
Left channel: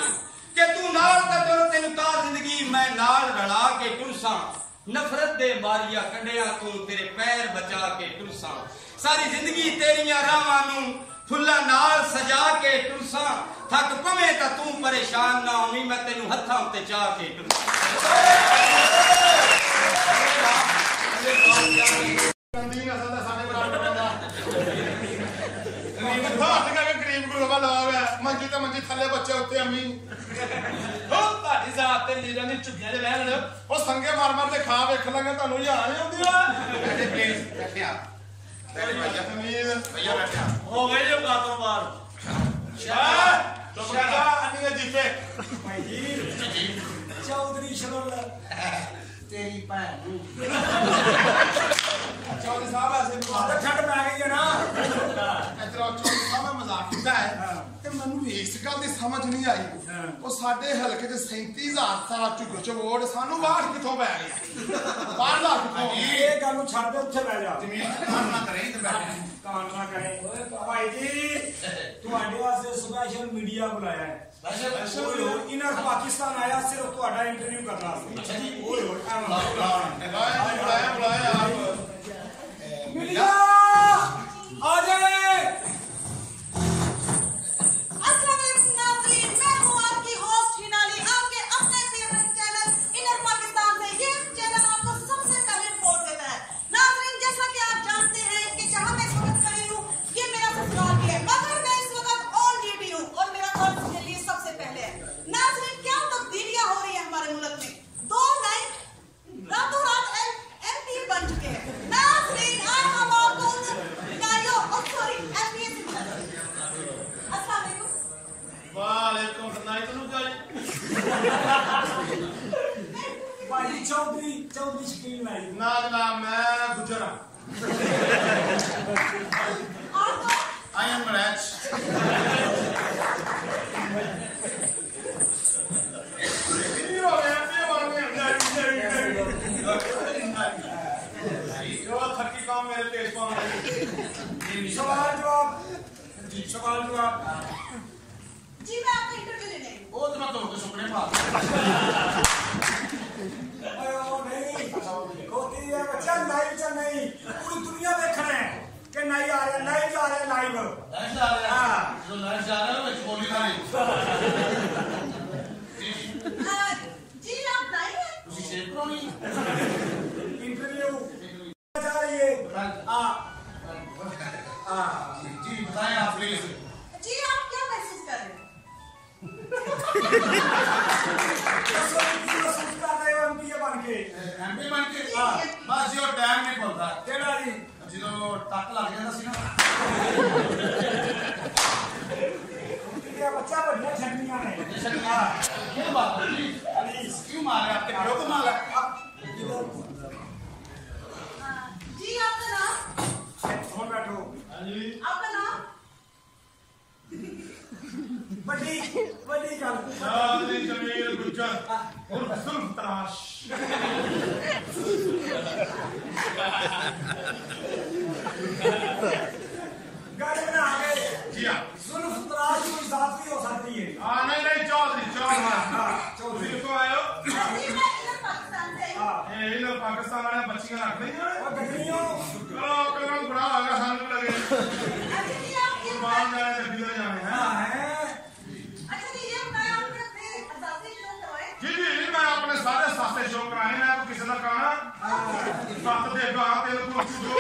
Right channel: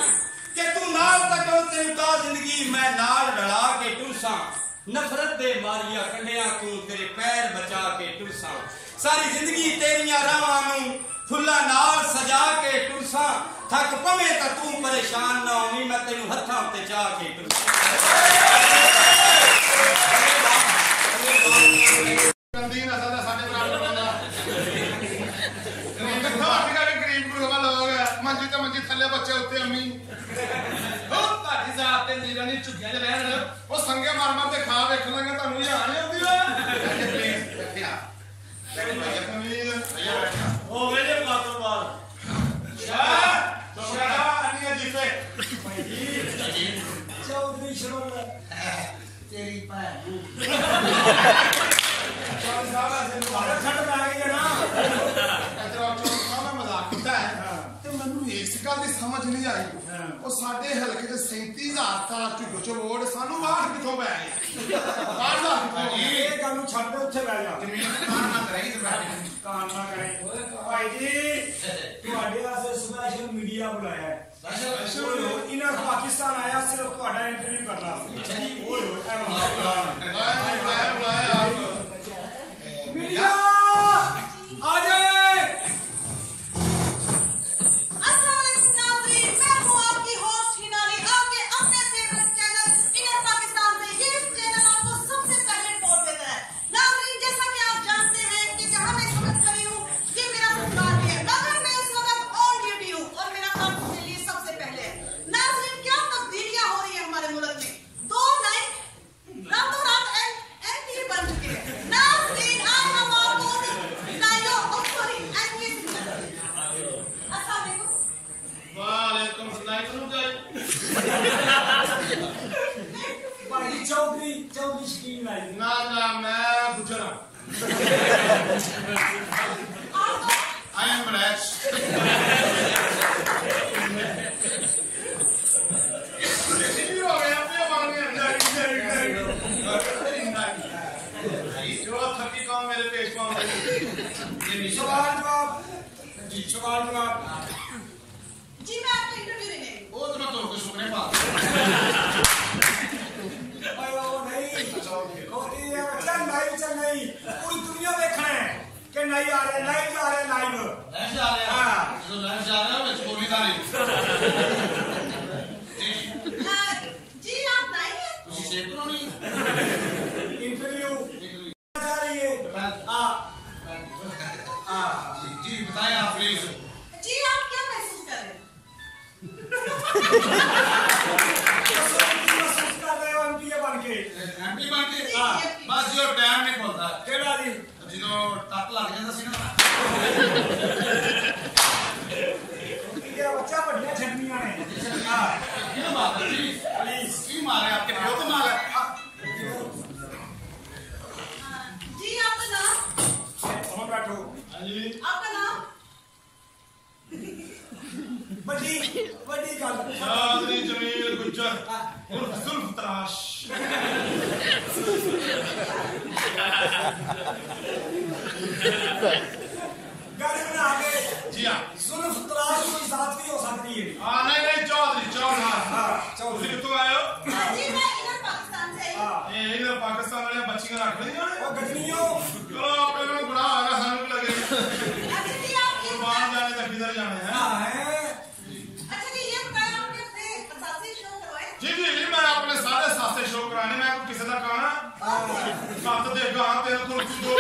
कि तू नाल टक्कर तेनू ता जिंदगी मैं नाल रला के टुरसां नफरत दे मारिया कंडिया तू तेरे पैर बचा के टुरसां सारी जिंदगी तेरियां राहां नू फुल्लां नाल सजा के टुरसां थक पवे तां तू परेशान ना होवीं मैं तैनू हत्थां ते चाह के टुरसां ਕੰਦੀ ਨਸਲ ਦਾ ਸਾਡੇ ਬਰਾਬਰ ਬੰਦਾ ਗਰੀਬ ਘਾਟ ਕੇ ਗਰੀਬ ਗੁਰੂ ਲੋਗ ਮੰਜੀ ਤੇ ਮੰਜੀ ਥੱਲੇ ਬੱਚੇ ਉੱਤੇ ਅੰਮੀ ਉਹ ਤੁਹਾਡੀ ਜ਼ਾਤ ਤੇ ਲੀਰਾਂ ਦੀ ਝੁੱਗੀਆਂ 'ਚ ਰਹਿਣ ਉਹ ਸੰਗੇ ਮਾਰ ਮਾਰ ਤੇ ਖਾ ਵੇਖ ਲਾਂਗੇ ਤੁਹਾਨੂੰ ਯਾਰ ਨਹੀਂ ਆਉਂਦੀ ਵਾ ਬੈਠੇ ਪਲੀਜ਼ ਬੈਠਿਆ ਬੈਠੇ ਭਈਆ ਤਮੀਜ਼ ਭਈਆ ਬੈਠਿਆ ਹੋ ਗਏ ਜੋ ਕਾਤੋਂ ਬਾਅਦ ਸ਼ਾਹ ਚੁੱਪ ਅੰਨੀਆਂ ਜੀਪੇ ਭਾਈ ਜੀ ਚੌਧਰੀ ਸ਼ਰੋਲ ਤੇਰੀ ਭੈਣ ਨੂੰ ਚੌਧਰੀ ਸਾਹਿਬ ਐਸੇ ਮਾਰ ਛੱਡ ਪੈ ਗਈ ਹੈ ਨਾ ਇਧਰ ਚੌਧਰੀ ਸਾਹਿਬ ਮੈਂ ਮਜ਼ਾਕ ਕੀਤਾ ਹੈ ਤੇ ਮੈਨੂੰ ਇਸ ਗੱਲ ਦੀ ਸਮਝ ਨਹੀਂ ਆਈ ਉਹ ਸਾਡੇ ਹਲਕੇ 'ਚ 37000 ਸਾਲਾ ਝੁੱਗ ਚ ਵੋਟ ਸਾਨੂੰ ਬਾਹਰ ਕਿੱਥੋਂ ਪੈ ਗਿਆ ਬਾਹਰ ਦਾ ਕਿੱਥੋਂ ਇਹ ਗੱਲ ਨੂੰ ਛੱਡ ਦੇ ਉੱਥੇ ਬਹਿ ਜਾ ਜ਼ਮੀਨ ਕਾਨ ਨਾ ਕਰੇ ਤੇ ਬੈਠੇ ਕਾਨ ਨਾ ਕਰੇ ਭਾਈ ਜੀ ਤੁਹਾਡੇ ਵਾਸਤੇ ਸਪੈਸ਼ਲ ਮੀਡੀਆ ਬੁਲਾਇਆ ਹੈ ਓਏ ਹੋਏ ਇਹਨਾਂ ਪਾਕਿਸਤਾਨ ਆਇਆ ਸਿਰਫ ਤੁਹਾਡਾ ਇੰਟਰਵਿਊ ਕਰਨ ਵਾਸਤੇ ਓਏ ਹੋਏ ਬੁਲਾਇਆ ਆਪ मीडिया आ जाए। अस्सलाम वालेकुम नाज़रीन, मैं हूँ आपकी होस्ट हिनाली, आपके अपने फेवरेट चैनल इनर पाकिस्तान से। ये चैनल आपको सबसे पहले रिपोर्ट देता है। नाज़रीन, जैसा कि आप जानते हैं कि जहाँ मैं इस वक्त खड़ी हूँ ये मेरा ससुराल है, मगर मैं इस वक्त ऑन ड्यूटी हूँ और मेरा काम के लिए सबसे पहले है। नाज़रीन, क्या तब्दीलियाँ हो रही है हमारे मुल्क में। 2 नाइन रातों रात MP बन चुके हैं। नाज़रीन, आज हम आपको भाई चौधरी शकीन लाई ना ना मैं गुजर I am Raj. हो गया अपने बन गया जो थकी काम मेरे पेश पाऊंगा सवाल जवाब जी मैं आपका इंटरव्यू लेने वो तो मैं तो सुपने पा चल नहीं पूरी दुनिया देखना है कि नहीं आ रहा लाइव जा रहा है लाइव जो लाइव जा रहा है मैं बोली ना नहीं जी आप नहीं हैं तुझे शेप करानी इंटरव्यू जा रही है जी बताएं आप प्लीज जी आप क्या महसूस कर रहे हैं महसूस कर रहे हो एमपी बन के बस जो टाइम नहीं बोलता केड़ा जी जो टक लग जाता सी ना ये बच्चा बढ़िया छटनियां ने क्यों बात है प्लीज क्यों मारे आपके पियो को मार जी आपका नाम हो बैठो हां जी आपका नाम बड़ी बड़ी गल चौधरी जमील गुज्जर उर्फ जुल्फ तराश गाड़ी बना के जी हाँ जुल्फ तराश कोई जात भी हो सकती है नहीं नहीं चौधरी चौधरी चौधरी कितों आए हो जी मैं इधर पाकिस्तान से आई हूँ। ये इधर पाकिस्तान वाले बच्चियां रख रही हैं वो गजनियों चलो पहले गुनाह होगा सानू भी लगे अच्छा जी आप ये कुर्बान जाने तक किधर जाने हैं अच्छा जी ये बताएं आपने अपने असासी शो करवाए। जी जी मैं अपने सारे सासे शो कराने मैं को किसी का कहना सत देगा तेरे को दो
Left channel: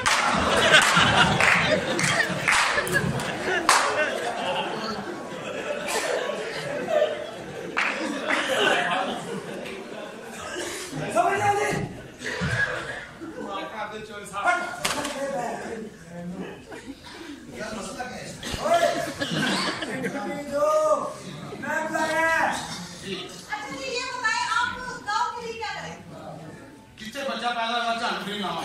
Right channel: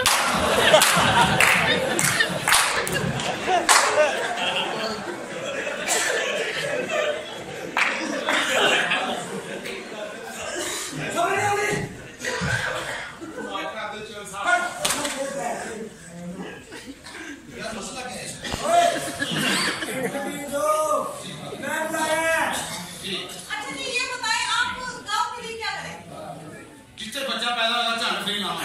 समझ नहीं आती यार मसला क्या है ओए इंटरव्यू जो मैं बुलाया अच्छा जी ये बताएं आप गांव के लिए क्या करें। जिससे बच्चा पैदा होगा झंड फ्री लावा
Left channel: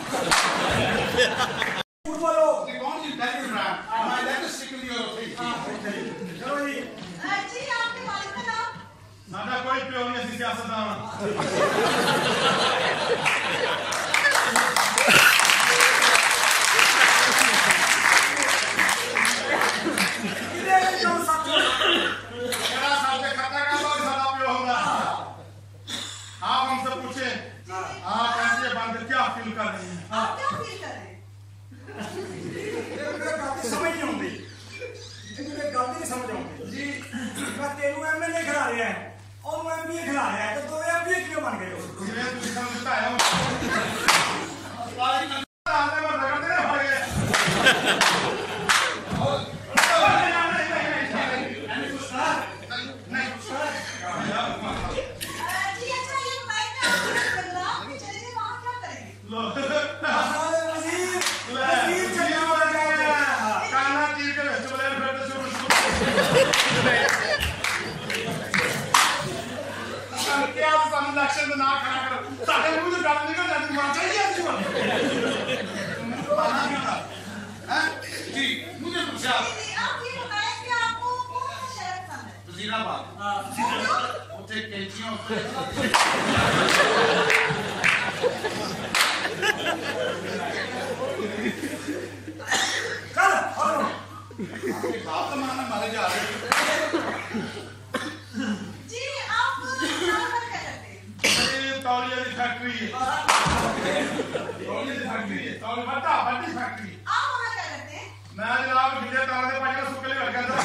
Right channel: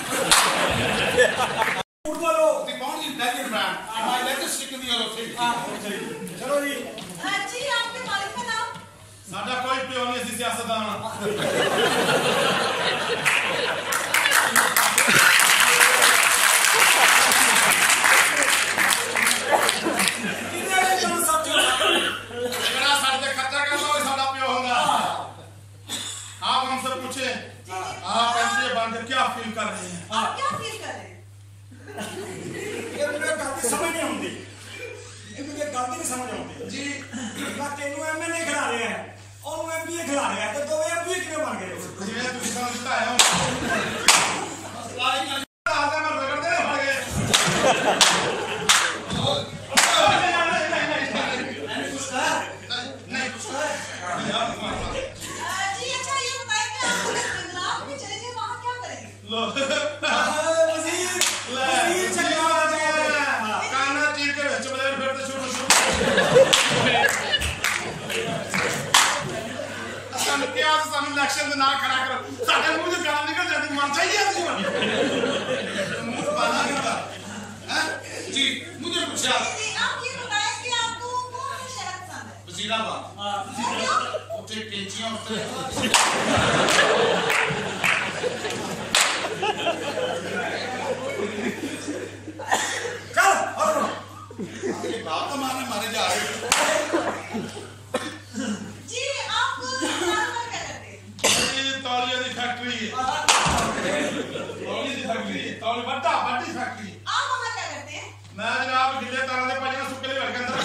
झूठ बोलो दी कौन सी dealer brand my latest stick in your thing चलो जी जी आपके मालिक का नाम। साडा कोई प्यो नहीं ऐसी सियासतदान कितने कम सब जो जेड़ा साडे खर्चा करदा ओही साडा प्यो हुंदा आप हमसे पूछे आप एमपी बनकर क्या फील कर रहे हैं आप क्या फील कर रहे हैं। ये मुझे गल दी समझ नहीं आती ये मुझे गल दी नहीं समझ आती जी मैं तेनू एमएलए खिला रहा है और एमपी खिला रहा है तो दो एमपी किਵੇਂ बन गए हो जिवें तुसीं सानू जिताया हो आदे में रगड़ते ने फड़ गए नहीं जी अच्छा ये बताएं कि आप जंगलात में चले जाए वहाँ क्या करेंगे। लो वजीर ले वजीर चला जाए काना चीर के विच बलेर फिर तो शुरू ਸਾਨੂੰ ਕਿਹਾ ਸੀ ਸਾਨੂੰ ਇਲੈਕਸ਼ਨ ਦੇ ਨਾ ਖੜਾ ਕਰੋ ਸਾਡੇ ਮੂੰਹ ਤੋਂ ਗੱਲ ਨਿਕਲ ਜਾਂਦੀ ਮਰ ਜਾਈਏ ਅਸੀਂ ਹੁਣ मुंह पाना नहीं था हैं जी मुझे पूछा जी आप ये बताएं कि आपको कौन सा शहर पसंद है। वजीराबाद क्यों? ਉੱਥੇ ਕੈਂਚੀਆਂ ਉੱਤੇ चल और ये बाप का मारने मारे जा रहे जी आप यहाँ पर क्या करते हैं। ਇਹ ਤੌਲੀਏ ਦੀ ਫੈਕਟਰੀ ਹੈ ਤੌਲੀਏ ਦੀ ਫੈਕਟਰੀ ਹੈ ਤੌਲੀ ਵੱਡਾ ਵੱਡੀ ਫੈਕਟਰੀ ਹੈ आप वहाँ क्या करते हैं। ਮੈਂ ਜਨਾਬ ਗਿੱਲੇ ਤਾਰਾਂ ਦੇ ਪਾਜਣਾ ਸੁੱਕੇ ਲਈ ਵੜ ਕੇ ਅੰਦਰ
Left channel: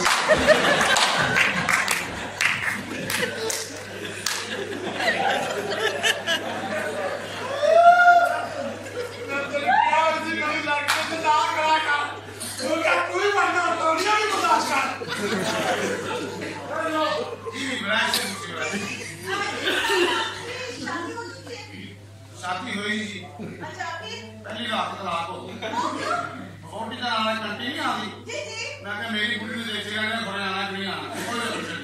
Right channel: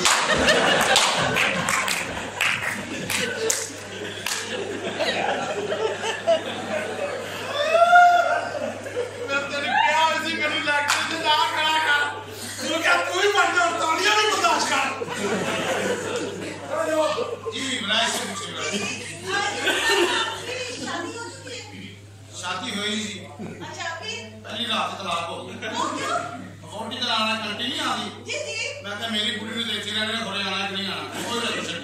ਮੈਂ ਤੈਨੂੰ ਕਿਹਾ ਸੀ ਕਰੀ ਇਲੈਕਸ਼ਨ ਤੇ ਨਾ ਖੜਾ ਕਰ ਤੂੰ ਕਿਹਾ ਤੂੰ ਹੀ ਬਣਨਾ ਤੌਲੀਆ ਵੀ ਬਰਦਾਸ਼ਤ ਕਰ जी इब्राहिम से पूछे ये बताइए आपकी शादी हो चुकी है। शादी हुई जी अच्छा फिर पहली रात तलाक हो गई वो क्यों। वोटी का आना कंटी नहीं आती जी जी मैं क्या मेरी बुढ़ी ने देखते रहने बड़े आना कि नहीं आना कोई नहीं कुछ नहीं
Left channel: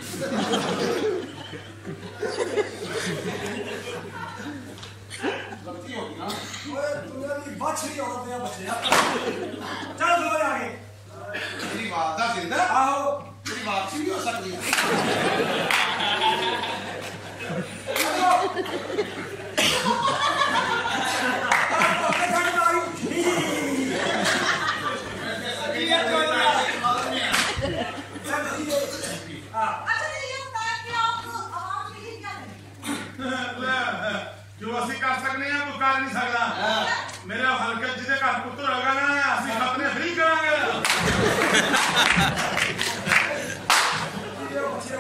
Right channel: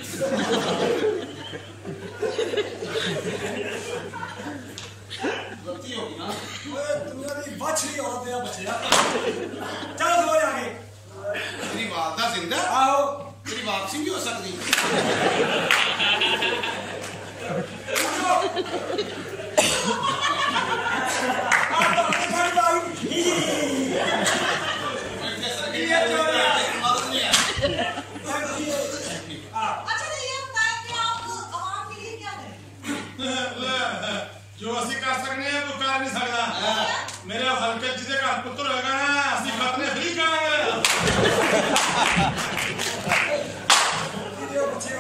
गलती होगी ना ओए तुम्हारी बछड़ी औरत है बच्चे चल सो आगे मेरी वालदा जिंदा आओ मेरी वापसी भी हो सकती अच्छा तो ये बताएं कि आप आवाम के लिए क्या करेंगे। ਜੋ ਅਸੀਂ ਕਰ ਸਕਦੇ ਹਾਂ ਕੋਈ ਕਰ ਨਹੀਂ ਸਕਦਾ ਮੇਰੇ ਹਲਕੇ ਜਿਹਦੇ ਘਰ ਪੁੱਤਰ ਹੋਏਗਾ ਨਾ ਅਸੀਂ ਖਤਨੇ ਫ੍ਰੀ ਕਰਾਂਗੇ बच्चे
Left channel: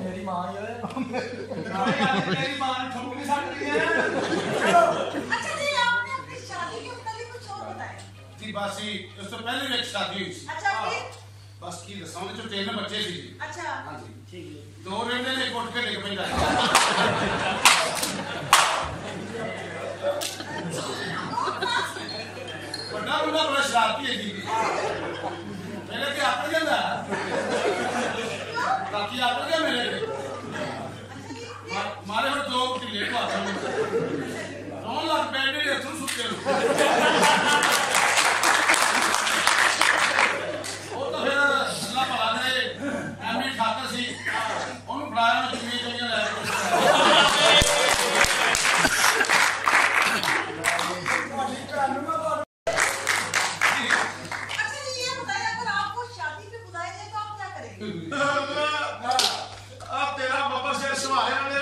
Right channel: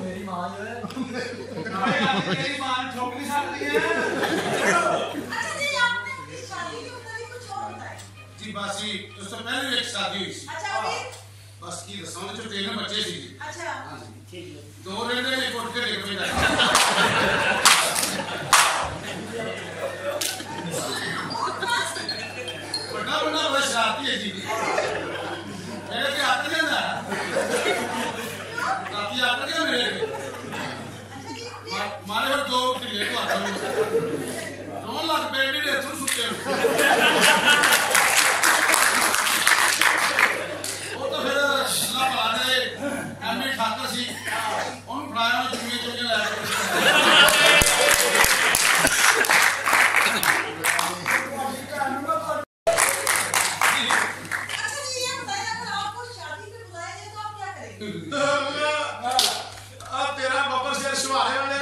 मेरी माँ जो है ਮੇਰੀ ਮਾਂ ਨੂੰ ਠੋਕ ਨਹੀਂ ਸਕਦੀ ਹੈ अच्छा जी आपने अपनी शादी के मुताबिक कुछ और बताएं। जी बस ही उससे पहले भी एक शादी हुई थी अच्छा फिर बस की दसा ਉਹਦੇ ਚ ਤਿੰਨ ਬੱਚੇ ਸੀ ਜੀ अच्छा ਹਾਂਜੀ ਠੀਕ ਹੈ ਦੋ ਰਹਿੰਦੇ ਨੇ ਕੁੱਟ ਕੇ ਡਿੱਗ ਪੈਂਦਾ ਵੱਡਾ ਮੁੰਡਾ ਬੜਾ ਸ਼ਰਾਰਤੀ ਹੈ ਜੀ ਮੇਰੇ ਤੇ ਆਪ ਜਾਂਦਾ ਰਾਤੀ ਆਪ ਗਿਆ ਮੇਰੇ ਤੇ अच्छा जी ਮਾਰੇ ਫਿਰ ਦੋ ਢਿੱਲੇ ਤੋਂ ਹੱਥ ਨੂੰ ਰੋਣ ਲੱਗ ਪਏ ਨੇ ਅਥਰੂ ਸੁੱਤੇ ਨੂੰ ਉਹ ਤਾਂ ਫਿਰ ਆ ਤੇਰਾ ਬੱਬਰ ਸ਼ੇਰ ਸ਼ਵਾਰੇ ਵਾਲੇ